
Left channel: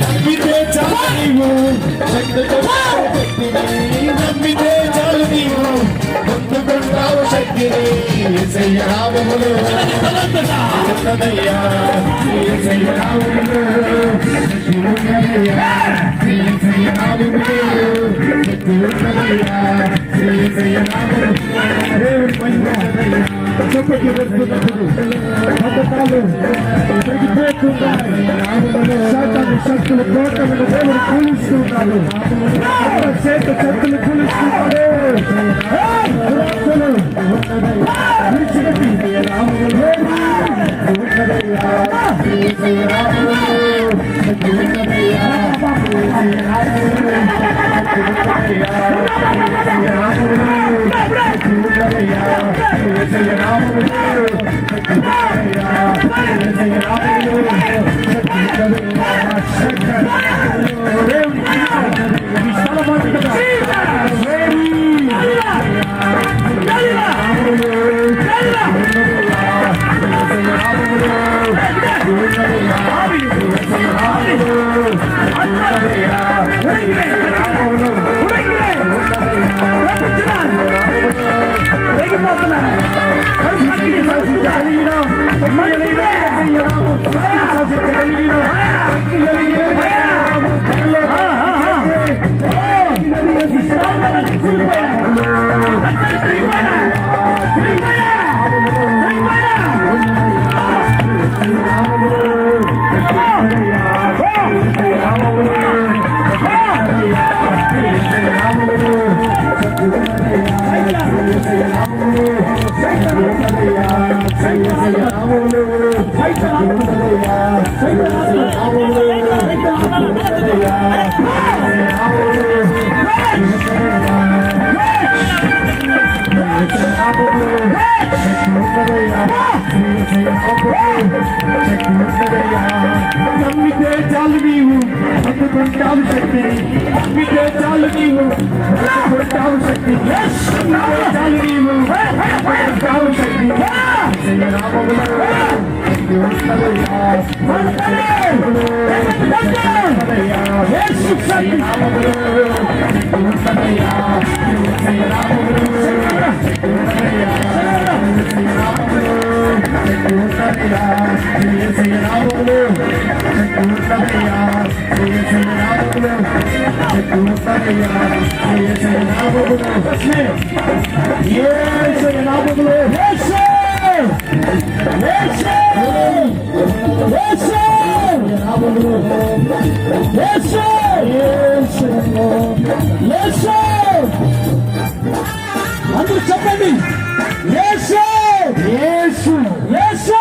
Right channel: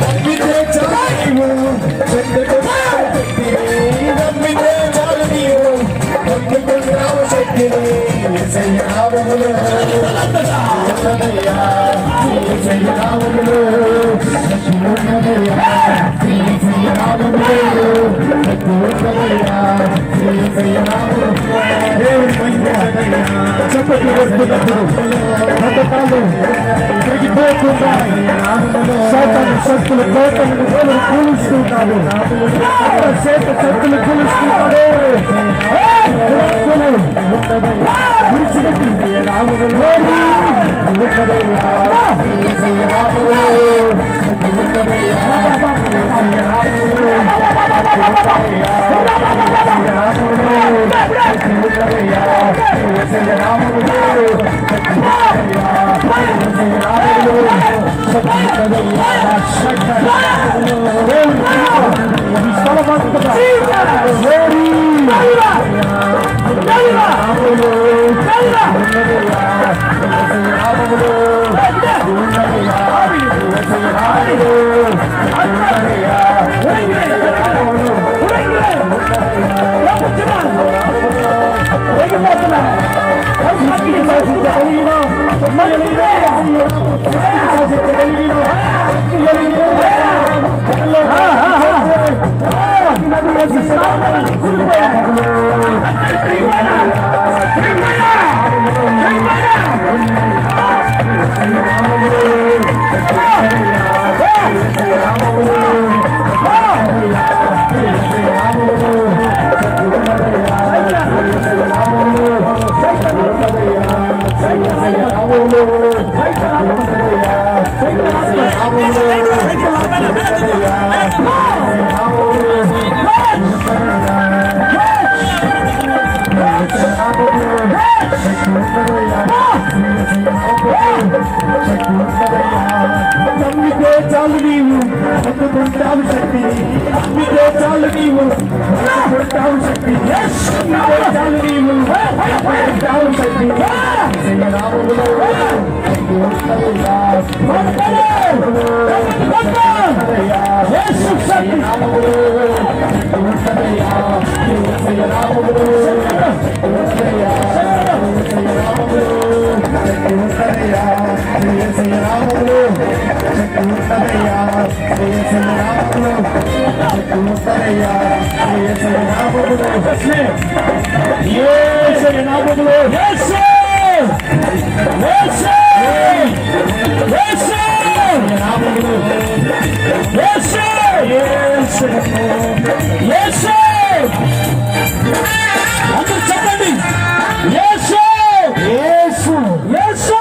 నమ్మితే చాలు నీవు పొందుకుంటావు శక్తిని. నమ్మితే చాలు నీవు పొందుకుంటావు శక్తిని. యేసయ్య నామములో ఉన్నదయ్యా. యేసయ్య నామములో శక్తి ఉన్నదయ్యా. యేసయ్య నామములో శక్తి ఉన్నదయ్యా. యేసయ్య నామములో దేవుని మహిమదయ్యా. చెప్పటి వస్తున్నప్పుడు పథకాలు తగ్గిపోకుండా సాతాను శక్తుల కోటలను దేవుడు కూలుస్తున్నాడు. శక్తులు కూలుస్తున్నాడు. విడిచిపెట్టి రాముడు ఉన్నదయ్యా. యేసయ్య నామములో శక్తి ఉన్నదయ్యా. యేసయ్య నామములో శక్తి ఉన్నదయ్యా. యేసయ్య నామములో శక్తి ఉన్నదయ్యా. యేసయ్య నామములో శక్తి ఉన్నదయ్యా. యేసయ్య నామములో శక్తి ఉన్నదయ్యా. శక్తి ఈ స్థలమంతటా నమ్మితే చాలు నీవు అందుకుంటావు శక్తిని. నమ్మితే చాలు నీవు అందుకుంటావు శక్తి. నమ్మితే చాలు నీవు అందుకుంటావు శక్తి. అందరూ చెప్పండి, యేసు యేసు యేసు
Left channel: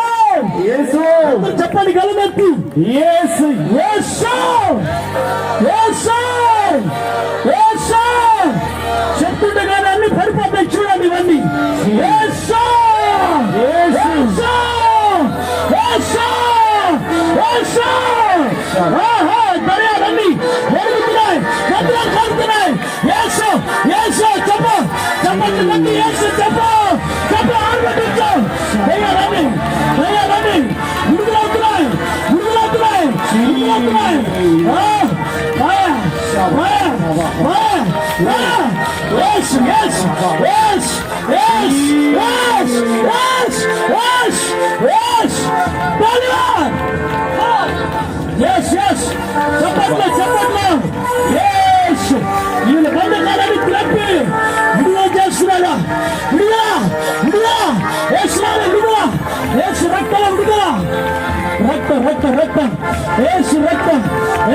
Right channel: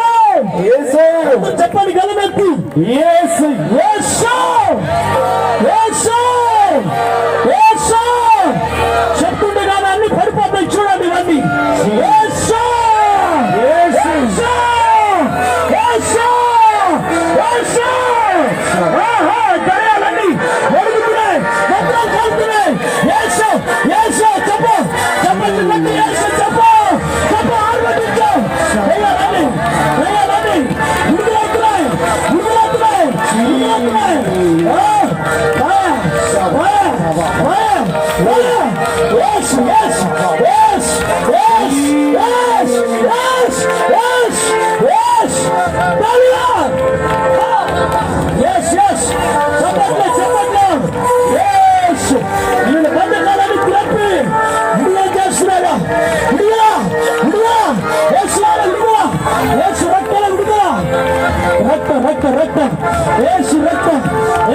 యేసు అందరూ చెప్పండి, గలమెత్తి యేసు యేసు యేసు యేసు చెప్తుంటే కానీ అన్ని పడిపోతాయి. చూడండి ఇవన్నీ. యేసు యేసు యేసు యేసు యేసు. ఓహో, దర్యాలన్నీ ఒడుగుతున్నాయి, భద్రాలు పడుతున్నాయి. యేసు యేసు చెప్పు, చెప్పండి గట్టి, యేసు చెప్పు చెప్పు, ఆర్భటించు. దయ్యాలన్నీ దయ్యాలన్నీ విడుదలవుతున్నాయి, విడుదలవుతున్నాయి, విడుదలవుతున్నాయి. Yes, yes, yes, yes, yes, yes, yes, yes, Dalian. Yes, yes, చెప్పండి చెప్పండి. Yes, వీళ్ళ బంధకాలని తిప్పి విడుదల చేస్తున్నారా? విడుదల విడుదల వేస్తున్నారా? విడుదల యేసు రక్తం, విడుదల రక్తం రక్తం రక్తం, యేసు రక్తం,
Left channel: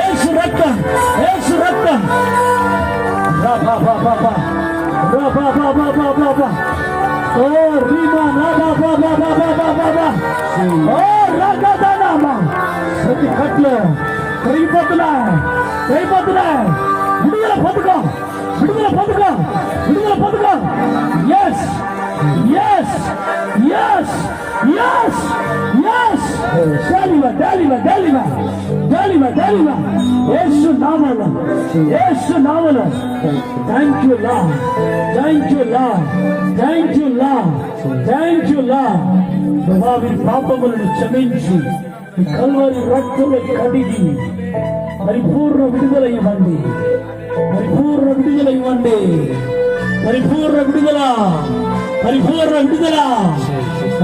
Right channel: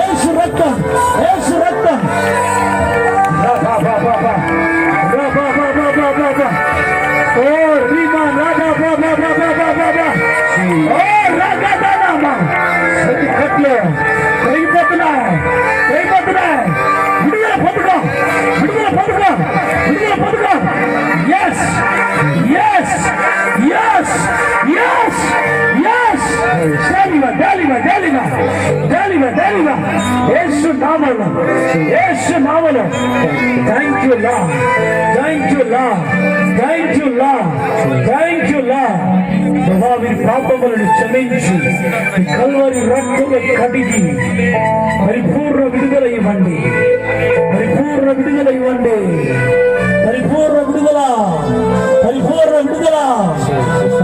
యేసు రక్తం, యేసు రక్తం. ప్రతి కట్లు పెరిగిపోతున్నాయి, పెరిగిపోతున్నాయి. విడుదల పొందుకో, విడుదల పొందుకో, విడుదల పొందుకో. Yes yes yes yes yes. డేలివా డేలివా డేలివా డేలివా డేలివా. యేసు నామములో, యేసు నామములో. Thank you Lord, thank you Lord, thank you Lord, thank you Lord. ప్రభా, వీరి పాపములను క్షమించి ఈ కల్వరి రక్తము కడిగి పరిపూర్ణ విడుదల ఇవ్వండి, పరిపూర్ణ విడుదల ఇవ్వండి, పరిపూర్ణ విడుదల, పరిపూర్ణ విడుదల.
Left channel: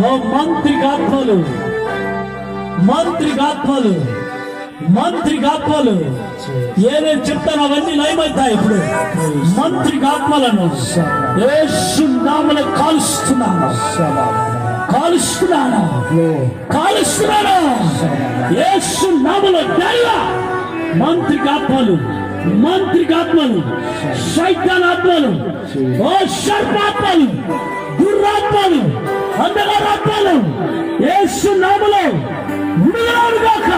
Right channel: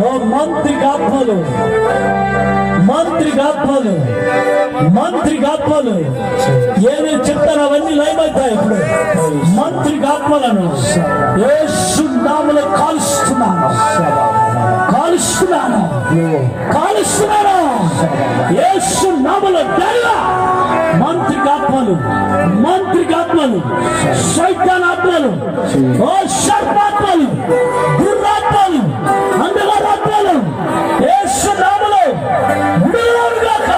ఓ మంత్రికాత్మలు, మంత్రికాత్మలు, మంత్రికాత్మలు ఏదేం చెప్తాను అవన్నీ లయమవుతాయి. ఇప్పుడు మంత్రికాత్మలను యేసు నామములో కాలుస్తున్నాను, కాలుస్తున్నాను, కాలుస్తున్నాను. యేసు నామములో మంత్రికాత్మలు, మంత్రికాత్మలు, శైతానాత్మలు, ఓ సర్పాత్మలు, దురాత్మలు, అంధకారాత్మలు యేసు నామములో విడుదలను గాక,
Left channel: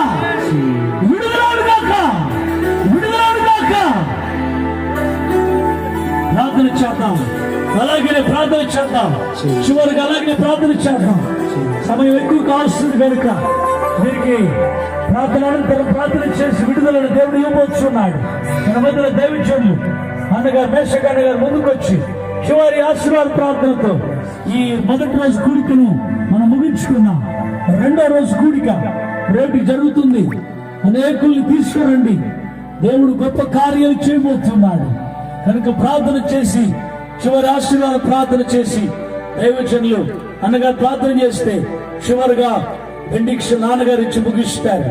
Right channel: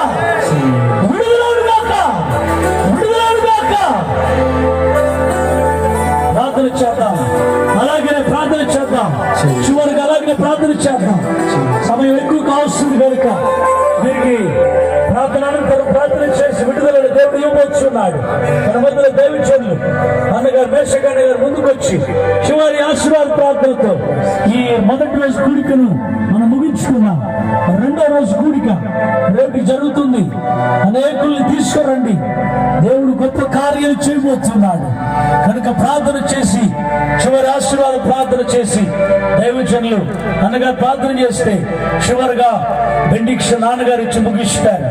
విడుదలను గాక, విడుదలను గాక. ప్రార్థన చేద్దాం, అలాగనే ప్రార్థన చేద్దాం. చివరికి అలాగనే ప్రార్థన చేద్దాం. సమయం ఎక్కువ కావాల్సింది కనుక దీనికి ప్రార్థనానంతరం ప్రార్థన చేసి విడుదలను దేవుడు ఇవ్వబోతున్నాడు. మన మధ్యలో దైవజనులు అన్నగారు, మేషగారి గారు ముందుకొచ్చి చివరి ఆశీర్వాద ప్రార్థనతో ఈ మొదటి రోజు కూడికను మనం ముగించుకున్నాం. రెండో రోజు కూడిక రేపు జరుగుతుంది. అనేకుల్ని తీసుకురండి, దేవుడు గొప్ప కార్యాలు చేయబోతున్నాడు కనుక ప్రార్థన చేసి చివరి ఆశీర్వాద ప్రార్థన చేసి దైవజనులు అన్నగారు ప్రార్థన చేస్తే చివరిగా బెండిక్షన్ నాన్నగారు ఇచ్చి ముగిస్తారు.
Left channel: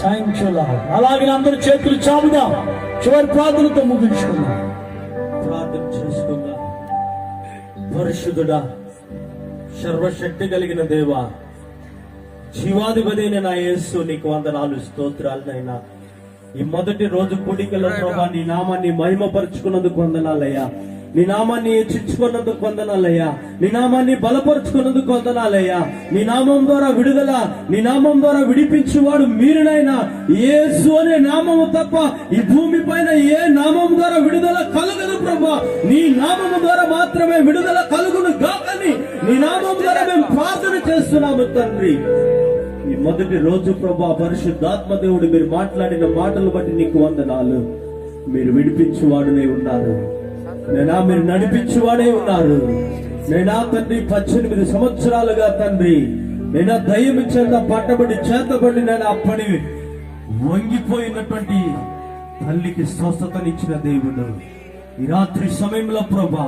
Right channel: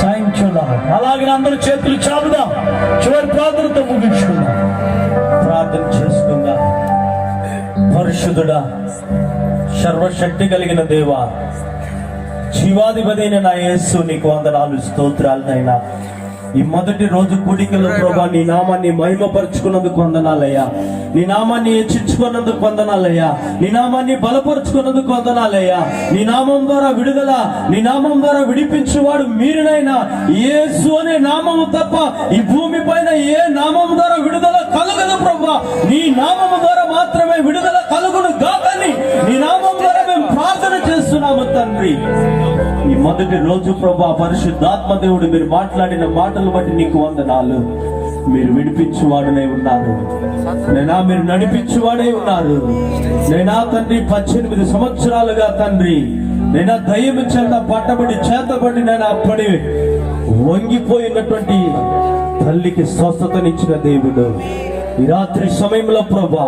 సాయంత్రం అలాగే అందరూ చేతులు చాపుదాం, చివరి ప్రార్థనతో ముగించుకుందాం. ప్రార్థన చేసుకుందాం. పరిశుద్ధుడా, సర్వశక్తి కలిగిన దేవా, జీవాధిపతి అయిన నా యేసు, నీకు వందనాలు, స్తోత్రాలు నైనా. ఈ మొదటి రోజు కూడికలో ప్రభా నీ నామాన్ని మహిమపరుచుకున్నందుకు వందనాలయ్యా, నీ నామాన్ని హెచ్చించుకున్నందుకు వందనాలయ్యా, నీ నామాన్ని బలపరుచుకున్నందుకు వందనాలయ్యా. నీ నామం ద్వారా విడుదల, నీ నామం ద్వారా విడిపించేవాడు మీరునైనా. యేసు అనే నామము తప్ప ఈ భూమి పైన ఏ నామం ద్వారా విడుదల కలగదు ప్రభా. నీ నామము ద్వారా మాత్రమే విడుదల కలుగును గాకని నీ నామం ద్వారా మేము ప్రార్థన చేస్తున్నాము తండ్రి. ఈ మొదటి రోజు ప్రభా పరిశుద్ధాత్మ దేవుడు మీరు మాట్లాడిన మాటలు బట్టి నీకు వందనాలు. మీరు విడిపించువాడునే ఉన్నారు నైనా, మీరు నడిపించువాడే ఉన్నారు నైనా తండ్రి. 18 సంవత్సరాలుగా తండ్రి నేను దయ్యం చేత పట్టబడి చేతబడి నేను అప్పటి వంగిపోయినటువంటి తల్లికి స్వస్థతనిచ్చిన దేవుడు ఈ రాత్రి సమయంలో ప్రభా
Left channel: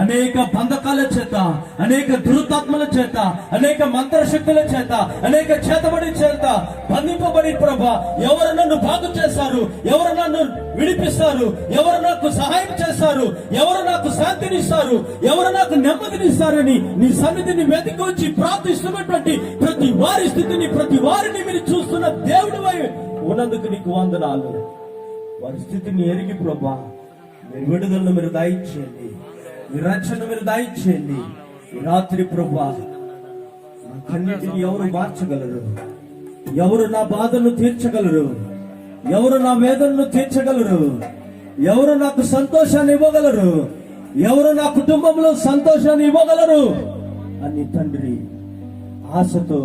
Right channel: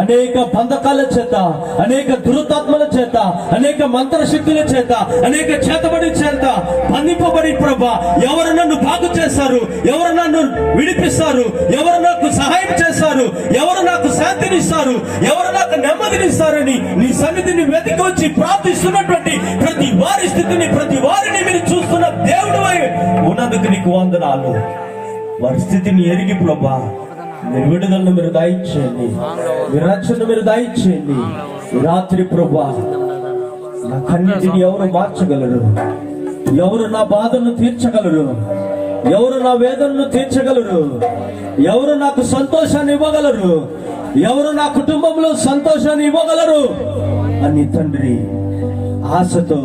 అనేక బంధకాల చేత, అనేక దురుతాత్మల చేత, అనేక మంత్రశక్తుల చేత, అనేక చేతబడి చేత బంధింపబడి ప్రభా ఎవరు నన్ను బాగు చేశారు, ఎవరు నన్ను విడిపిస్తారు, ఎవరు నాకు సహాయం చేస్తారు, ఎవరు నాకు శాంతినిస్తారు, ఎవరు నాకు నెమ్మదినిస్తారని నీ సన్నిధిని వెతికి వచ్చి ప్రార్థిస్తున్నటువంటి ప్రతి వారి స్థితిని, ప్రతి వారిని మీరు చూస్తున్న దేవుడు ఉన్నందుకు నీకు వందనాలు. వారి స్థితిని ఎరిగి ప్రభా మీరు విడుదలను మీరు దయచేయండి, మీరు రక్షణ మీరు దయచేయండి. ఈ రాత్రి ప్రభా నా కన్నిటిని ఎవరు మార్చగలరు, ఎవరు నా బాధను తీర్చగలరు, ఎవరు నా వేదనను తీర్చగలరు, ఎవరు నాకు సంతోషాన్ని ఇవ్వగలరు, ఎవరు నా కుటుంబంలో సంతోషాన్ని ఇవ్వగలరు అని తండ్రి ఆశతో,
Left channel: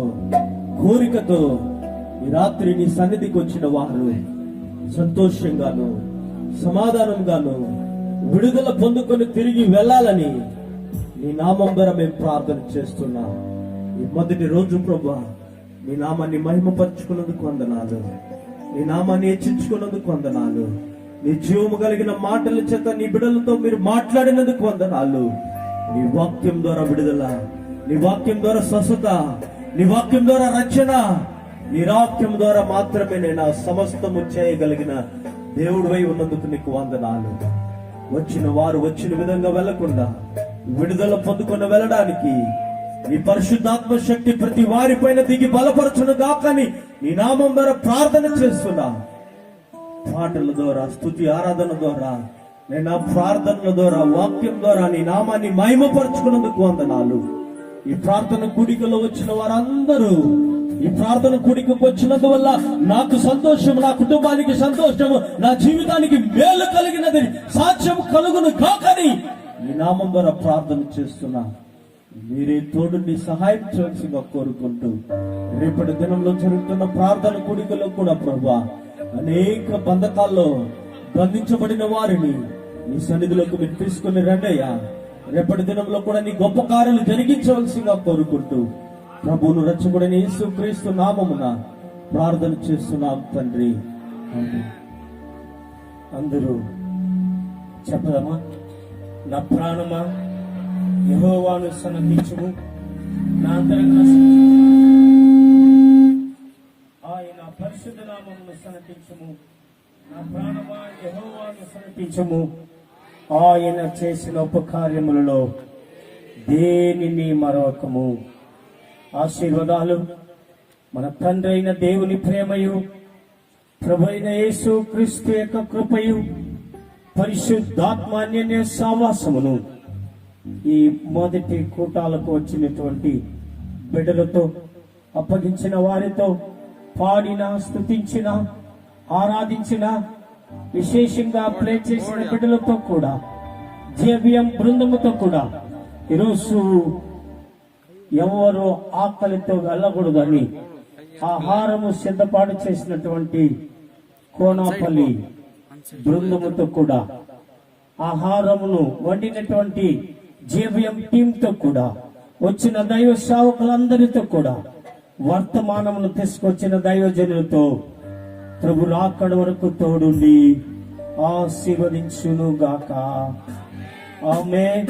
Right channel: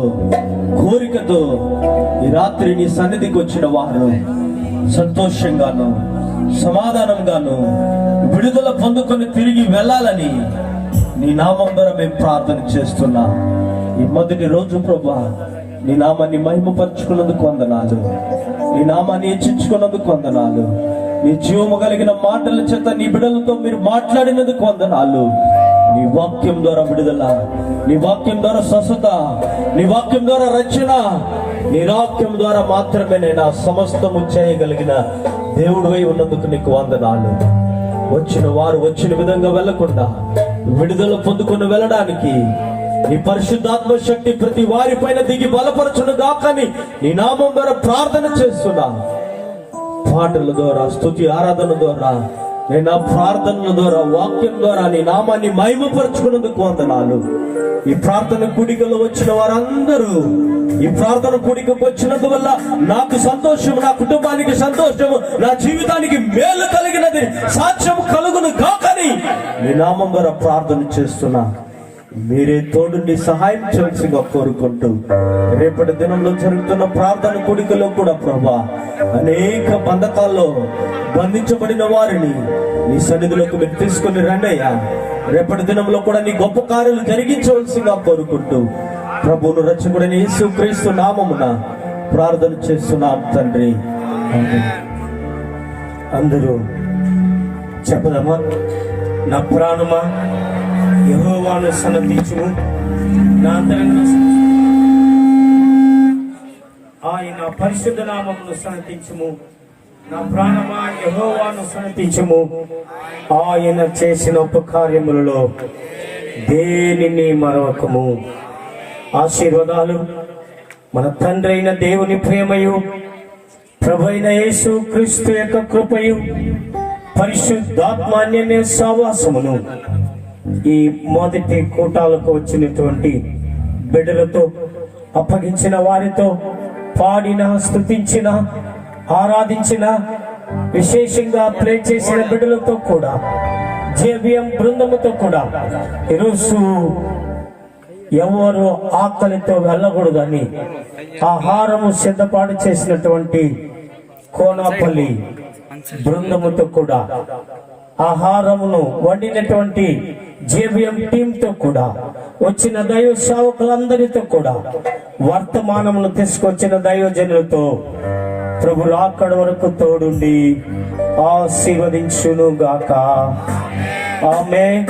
కోరికతో ఈ రాత్రి నీ సన్నిధికి వచ్చిన వారు సంతోషంగాను, సమాధానంగాను, విడుదల పొందుకొని తిరిగి వెళ్ళాలని నీ నామం ద్వారా మేము ప్రార్థన చేస్తున్నా. ఈ మొదటి రోజు ప్రభా నీ నామాన్ని మహిమపరుచుకున్నందుకు వందనాలు, నీ నామాన్ని హెచ్చించుకున్నందుకు వందనాలు, నీ జీవము కలిగిన మాటల చేత నీ బిడ్డలతో మీరు మాట్లాడినందుకు వందనాలు. నీ వాక్యం ద్వారా విడుదల, నీ వాక్యం ద్వారా స్వస్థత, నీ వాక్యం ద్వారా రక్షణ, నీ వాక్యం ద్వారా మాత్రమే నేను సమస్తము చేయగలిగిన దేవుడు అయి ఉన్నందుకు నీకు వందనాలు. వచ్చిన వారు వచ్చిన విధంగా వెళ్లకుండా విడుదల పొందుకుని వెళ్ళడానికి నీ పరిశుద్ధాత్మ శక్తి ప్రతి వారి పైన దిగి బలపరచును గాకని నీ నామం ద్వారా ప్రార్థన చేస్తున్నా. పాటల ద్వారా, స్తుతి ఆరాధన ద్వారా, నేను ఆ ప్రార్థనల ద్వారా, వాక్యం ద్వారా నీ నామాన్ని మహిమపరచుకున్నందుకు వందనాలు. ఈ ప్రార్థన కూడికలో వచ్చిన వారందరూ ఈ ప్రార్థన కూడికకు వచ్చినందువల్ల నాకు సంతోషం, నా కుటుంబానికి సంతోషము, నా జీవితానికి మేలు కలిగినది సాక్ష్యం కలుగును కాకని నీ నామం ద్వారా ప్రార్థన చేస్తున్నా. మీరే తోడుని సహాయం చేయాల్సిగా కోరుకుంటూ రేపటి దినంలో జరుగుతున్న ప్రార్థన కూడికలో కూడా ప్రభా అనేక బంధకాల్లో బంధించబడిన వారిని నీ సన్నిధిలోకి మీరు తీసుకుని రండయ్యా. రేపటి దినంలో కూడా నీ గొప్ప కార్యాలు జరిగించవలసిగా కోరుకుంటూ ప్రభువును రక్షకుడైన యేసుక్రీస్తు నామమున ప్రార్థన చేస్తున్నాం తండ్రి. అందరూ చెప్పదమ్మా. నా ప్రాణమా యెహోవాను సన్నతించుము, నా అంతరంగ ఆయన పరిశుద్ధ నామమును సన్నతించుము. నా ప్రాణమా యెహోవాను సన్నతించుము, ఆయన చేసిన ఉపకార్యములలో దేనిని మరవకము. ఆశీర్వాదాలు మన తండ్రి అయిన దేవుని ప్రేమయు, ప్రభు అయిన యేసు క్రీస్తు యొక్క కృపయు, పరిశుద్ధాత్మాన్యనే సావాసమును ఈ మొదటి కూటాలకు వచ్చినటువంటి బిడ్డలతో, అప్పగించిన వారితో, పాడిన, స్తుతించిన, ఆరాధించిన, విశేషంగా ప్లే చేసిన బిడ్డలతో కూడా, జేబిఎం బృందముతో కూడా ఈరోజు ఎవరు ఆకలితో వెళ్ళకూడదని ఆహారము సిద్ధపాటు చేసినటువంటి కోనాపల్లి బృందముతో కూడా, ఆహారమును వండినటువంటి జేబిఎం టీంతో కూడా, వచ్చిన దైవ సేవకులందరితో కూడా, వర్తమానమును తీసుకొచ్చిన దైవజనులతో ప్రభు రాకడ వరకు తోడుండి ఆశీర్వదించును గాక. ఆమేన్,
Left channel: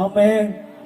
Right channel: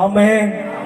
ఆమేన్.